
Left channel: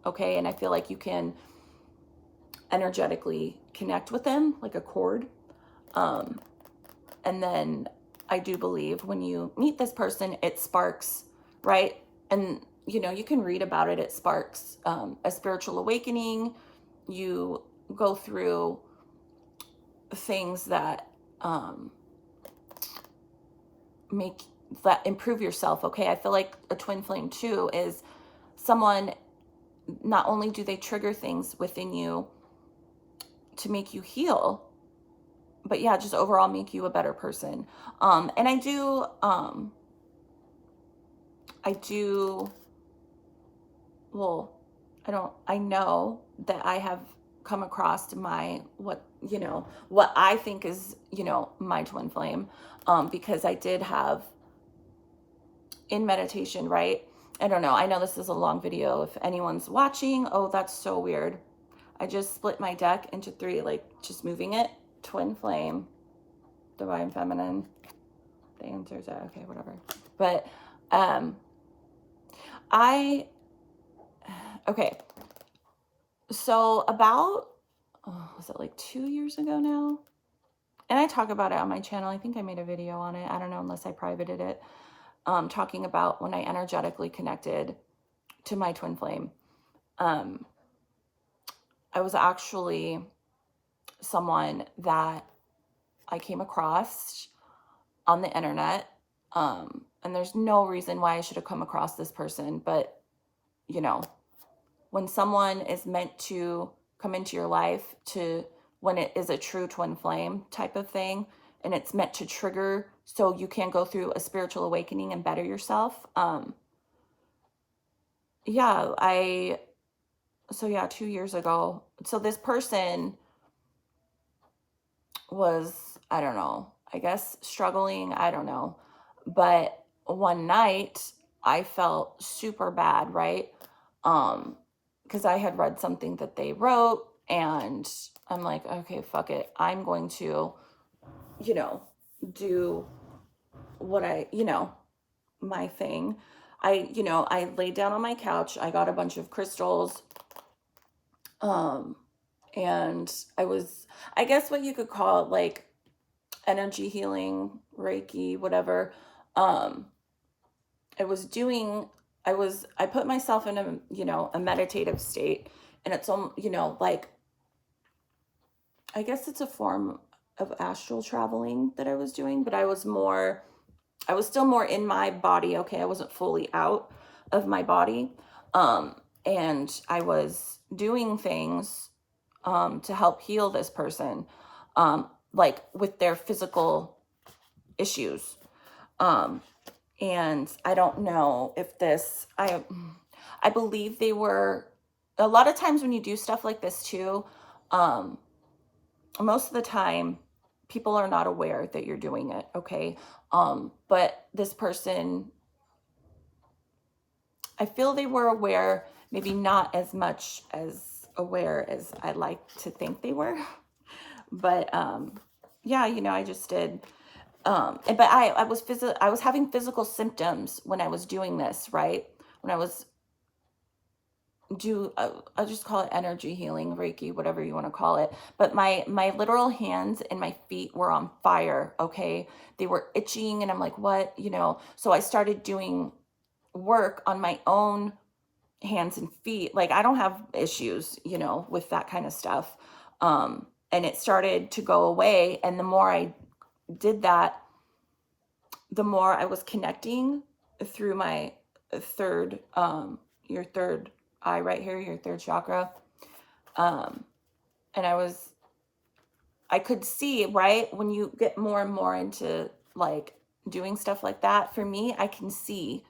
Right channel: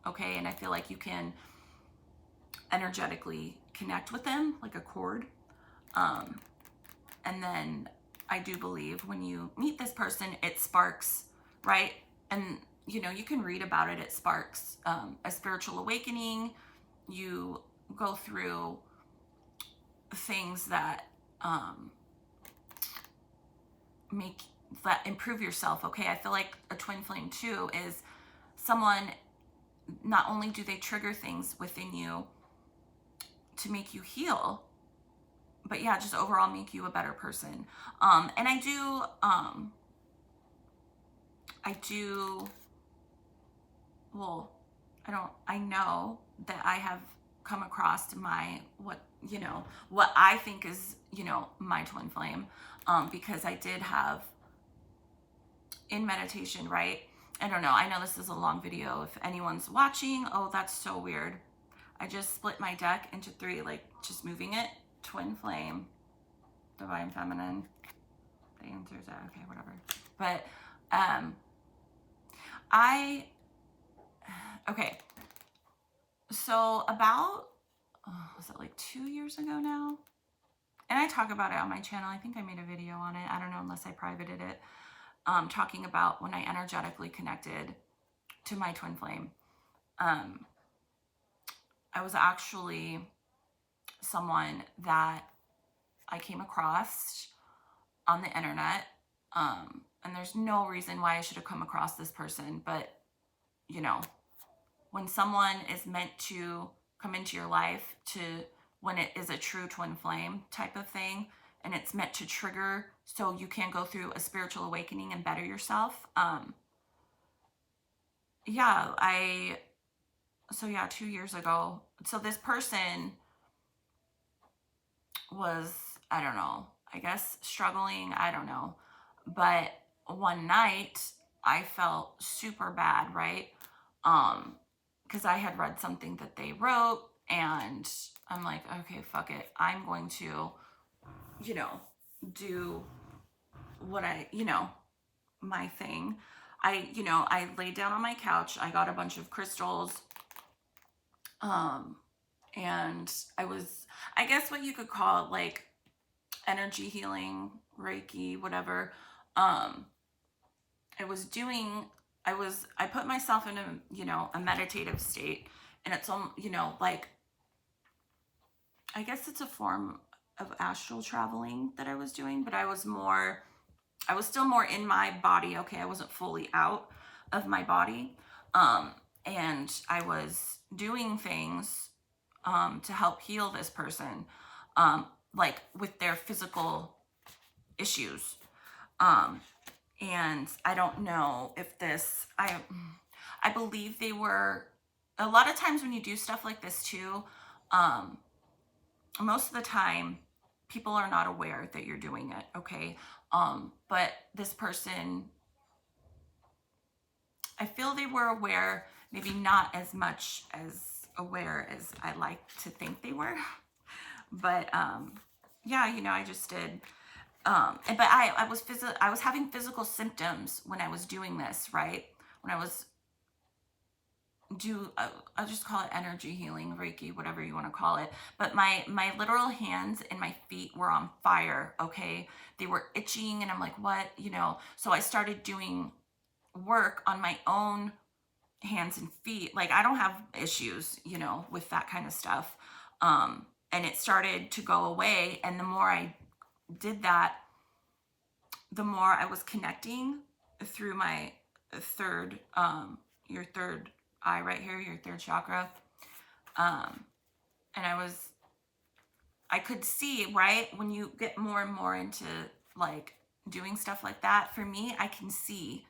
okay? And I feel like you can energetically connect with them like a cord. And then I do believe when you meet this person, it sparks, right? And, you know, you can read about it. It sparks a spiritual awakening. You go through things that um, make that improve yourself. Okay. I feel like a twin flame too is someone, not only do they trigger things within you to make you heal, but yeah, just overall make you a better person. And I do, well, I know that I have come across my, what I think is, my twin flame, because I did have in meditation, right? I don't know. I know this is a long video. If anyone's watching, oh, that's so weird. I just split my deck into 3, like just moving it. Twin flame, divine feminine, the answers are okay, whatever. But okay. So about, was it like 2 years ago now? And I talk about it on my channel. I think I made a video on it. I don't know, unless I privated it. Talking about when I energetically connected to my twin flame. I was actually someone that I came across on the internet. And there's no reason why I should have come across this person, but when someone is meant to come into your life, when it is a true twin flame type of thing, and it's meant to trigger so you can go through a spiritual awakening and better yourself. 2 years ago. So this person was, I don't know, I guess struggling, I don't know. But one night I felt super bad, right? Because I had read something that they wrote, and I'm like, okay, fuck it. I'm going to, do what my thing. I laid down on my couch. I got a bunch of crystals. And I guess what you could call it, like energy healing, Reiki, whatever. I put myself in a meditative state, and it's, like, I guess it's a form of astral traveling that I was doing, but I was still more in my body. Okay. I wasn't fully out of my body. And I was doing things, to help heal this person, like with their physical issues. And I don't know if I believe they were, a lot of times when you do stuff like this too, most of the time people are not aware that you're doing it. Okay. But this person, I feel they were aware, maybe not as much as aware as I like to think they were. But I just did. But I was having physical symptoms when I was doing this, right? When I was I'll just call it energy healing, Reiki, whatever you want to call it. But my literal hands and my feet were on fire. Okay. They were itching, and I'm like, what, so I started doing work on my own hands and feet. Like, I don't have issues, with that kind of stuff. And it started to go away. And the more I did that, the more I was connecting through my third, your third eye right here, your third chakra. And I could see, right, when you get more and more into like doing stuff like that, for me, I can see,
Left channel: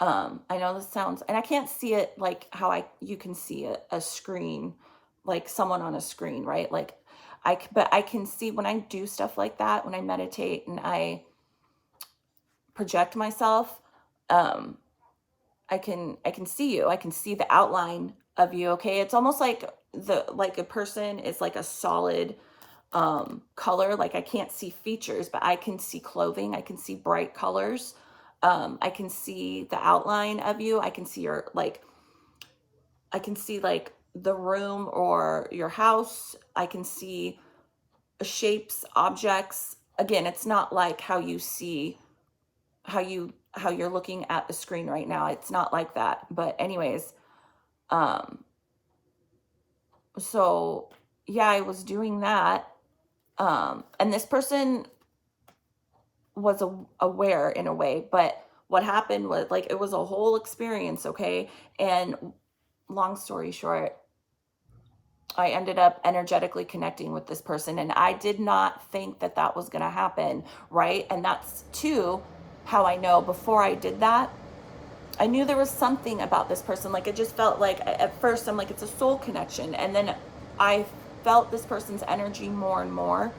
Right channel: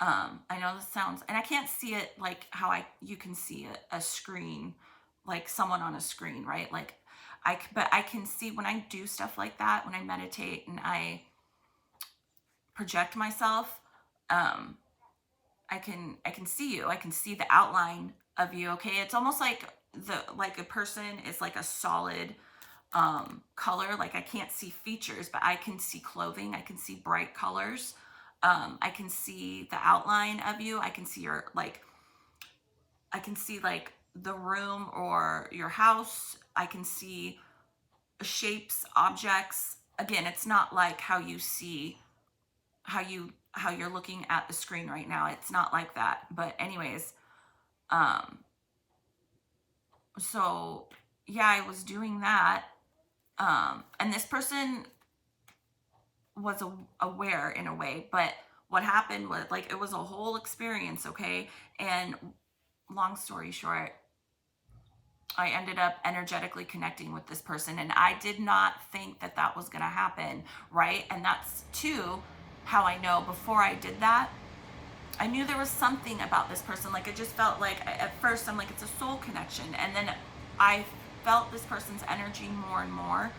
I know this sounds, and I can't see it like how you can see a screen, like someone on a screen, right? Like but I can see when I do stuff like that, when I meditate and I project myself, I can see you. I can see the outline of you. Okay. It's almost like a person is like a solid, color. Like, I can't see features, but I can see clothing. I can see bright colors. I can see the outline of you. I can see like the room or your house. I can see shapes, objects, again, it's not like how you see, how you're looking at the screen right now. It's not like that. But anyways, um, so yeah, I was doing that. And this person was aware in a way, but what happened was, like, it was a whole experience, okay? And long story short, I ended up energetically connecting with this person, and I did not think that that was going to happen, right? And that's too how I know before I did that, I knew there was something about this person. Like, it just felt like, at first I'm like, it's a soul connection, and then I felt this person's energy more and more.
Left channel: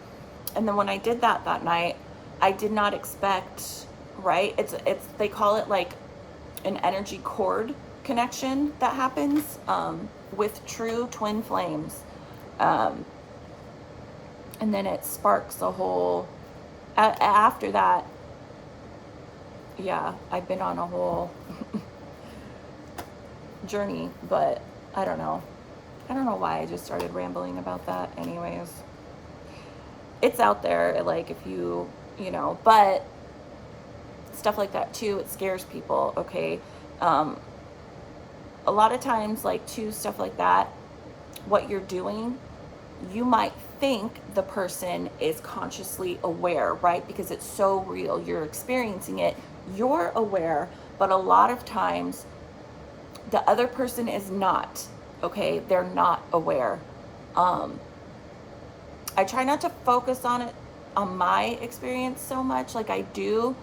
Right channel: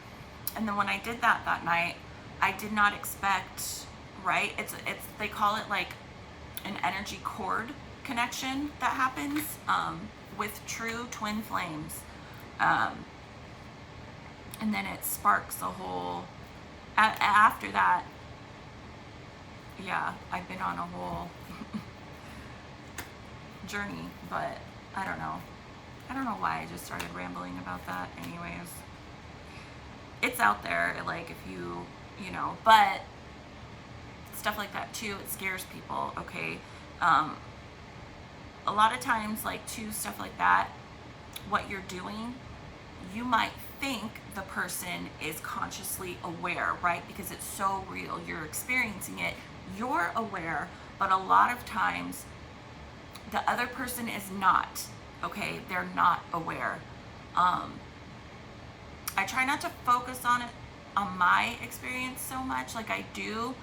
And then when I did that night, I did not expect, right? It's they call it like an energy cord connection that happens with true twin flames. Um, and then it sparks a whole, after that, yeah, I've been on a whole journey, but I don't know. I don't know why I just started rambling about that. Anyways, it's out there, like, if you know, but stuff like that too, it scares people, okay? A lot of times, like, too, stuff like that, what you're doing, you might think the person is consciously aware, right? Because it's so real, you're experiencing it, you're aware, but a lot of times the other person is not, okay? They're not aware. I try not to focus on it, on my experience so much, like I do.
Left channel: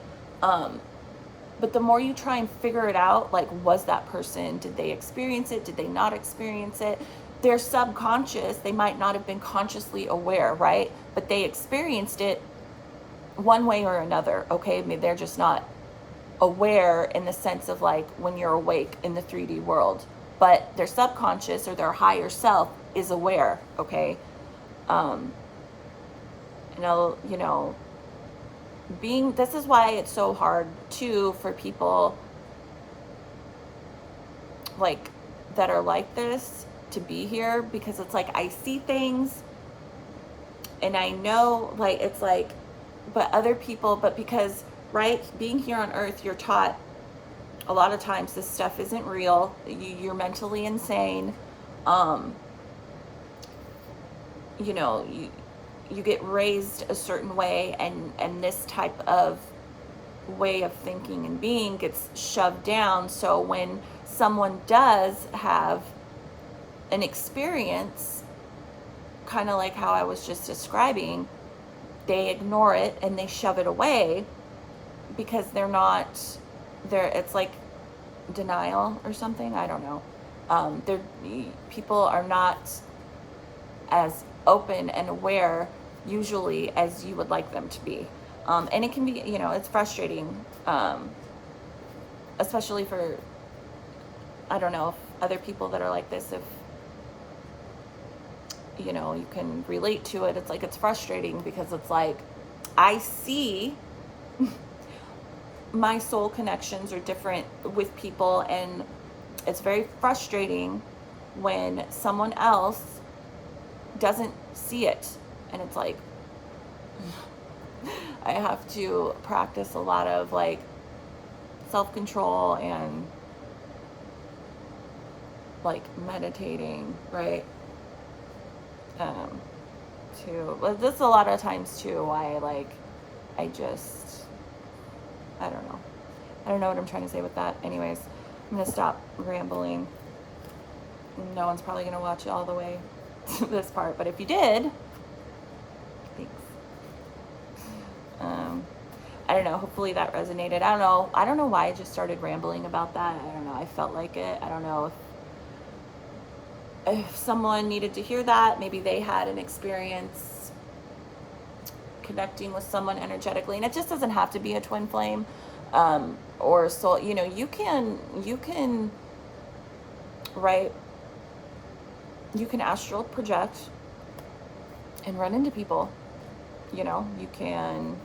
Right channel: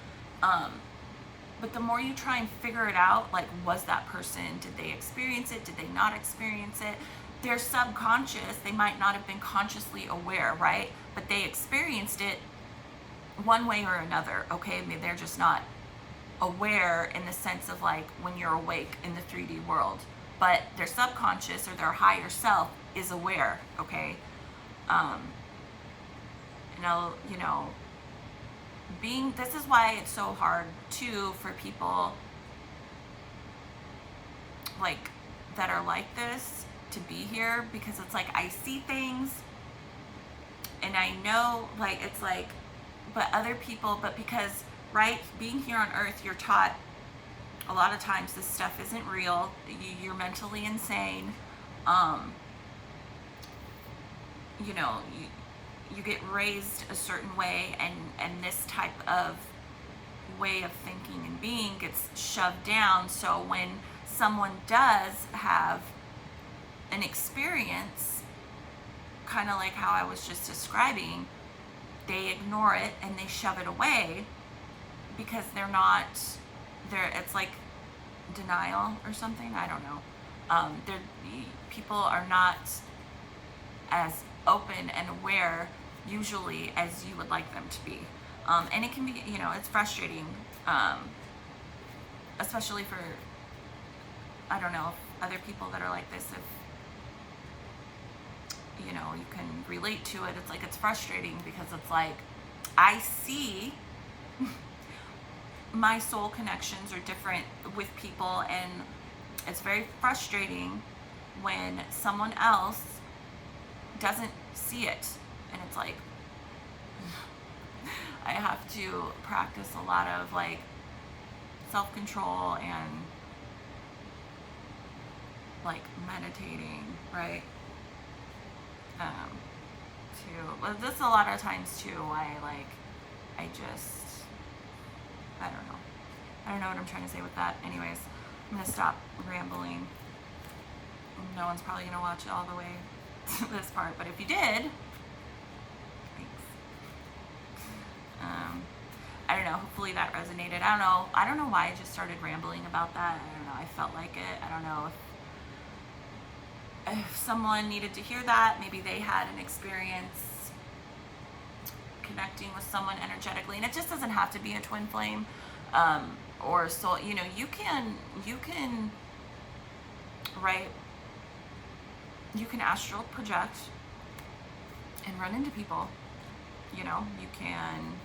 But the more you try and figure it out, like, was that person, did they experience it? Did they not experience it? They're subconscious. They might not have been consciously aware, right? But they experienced it one way or another, okay? Maybe they're just not aware in the sense of, like, when you're awake in the 3D world. But their subconscious or their higher self is aware, okay? You know, this is why it's so hard too for people like that are like this to be here, because it's like I see things and I know, like, it's like, but other people, but because, right, being here on earth, you're taught a lot of times this stuff isn't real. You're mentally insane. You know, you get raised a certain way, and this type of way of thinking and being gets shoved down. So when someone does have an experience, kind of like how I was just describing, they ignore it and they shove it away because it's like denial or something. I don't know. People are not as open and aware usually as you would like them to be. And it can be, you know, it's frustrating, especially for, I don't know, if other people that are like this, if, you know, you can relate to it. It's like, it's frustrating because it's like, I see my soul connections are different with people, and it's very frustrating when someone else doesn't see it. And it's like, I have to practice a lot of, like, self-control and, like, meditating, right? But this a lot of times too, why, like, I don't know what I'm trying to say with that. Anyways, I'm gonna stop rambling. No one's probably gonna watch it all the way to this part, but if you did, thanks. I don't know, hopefully that resonated. I don't know why I just started rambling about that. I don't know, I felt like it. I don't know if someone needed to hear that. Maybe they had an experience connecting with someone energetically, and it just doesn't have to be a twin flame, or soul. You know, you can, right, you can astral project and run into people. You know, you can,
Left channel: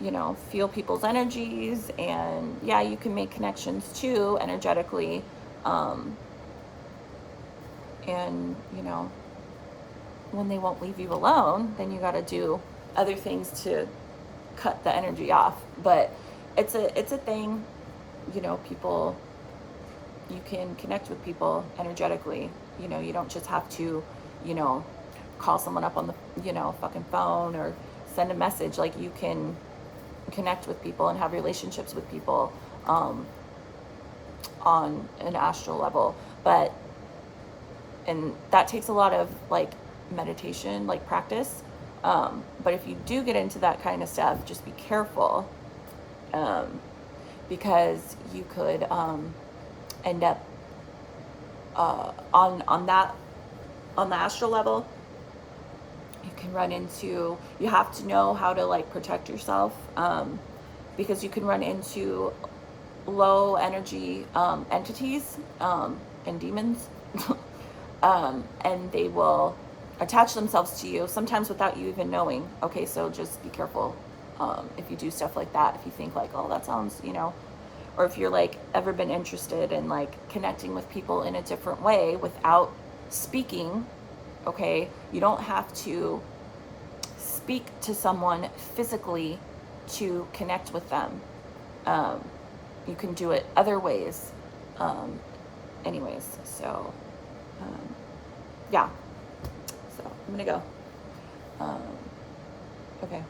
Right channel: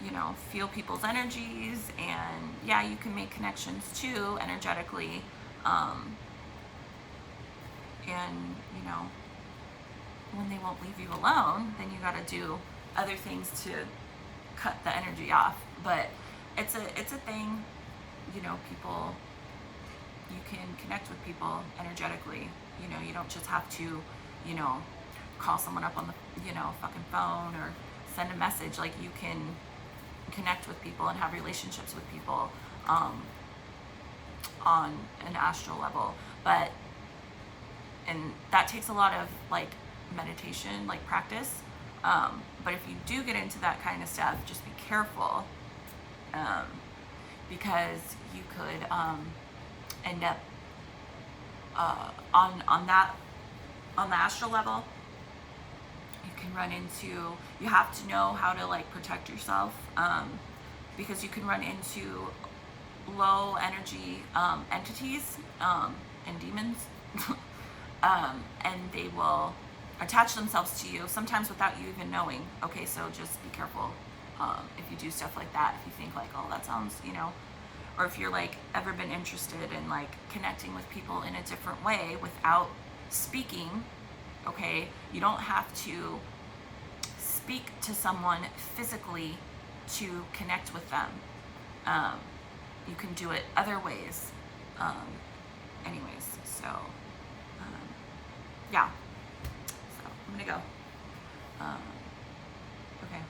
you know, feel people's energies, and yeah, you can make connections too energetically. And, you know, when they won't leave you alone, then you got to do other things to cut the energy off. But it's a thing, you know, people, you can connect with people energetically. You know, you don't just have to, you know, call someone up on the, you know, fucking phone or send a message. Like, you can connect with people and have relationships with people on an astral level. But, and that takes a lot of like meditation, like practice. But if you do get into that kind of stuff, just be careful, because you could end up on the astral level. You can run into, you have to know how to like protect yourself, because you can run into low energy entities and demons, and they will attach themselves to you sometimes without you even knowing. Okay, so just be careful if you do stuff like that. If you think like, oh, that sounds, you know, or if you're like ever been interested in like connecting with people in a different way without speaking. Okay, you don't have to speak to someone physically to connect with them. You can do it other ways. Anyways, so yeah. So I'm gonna go. Okay.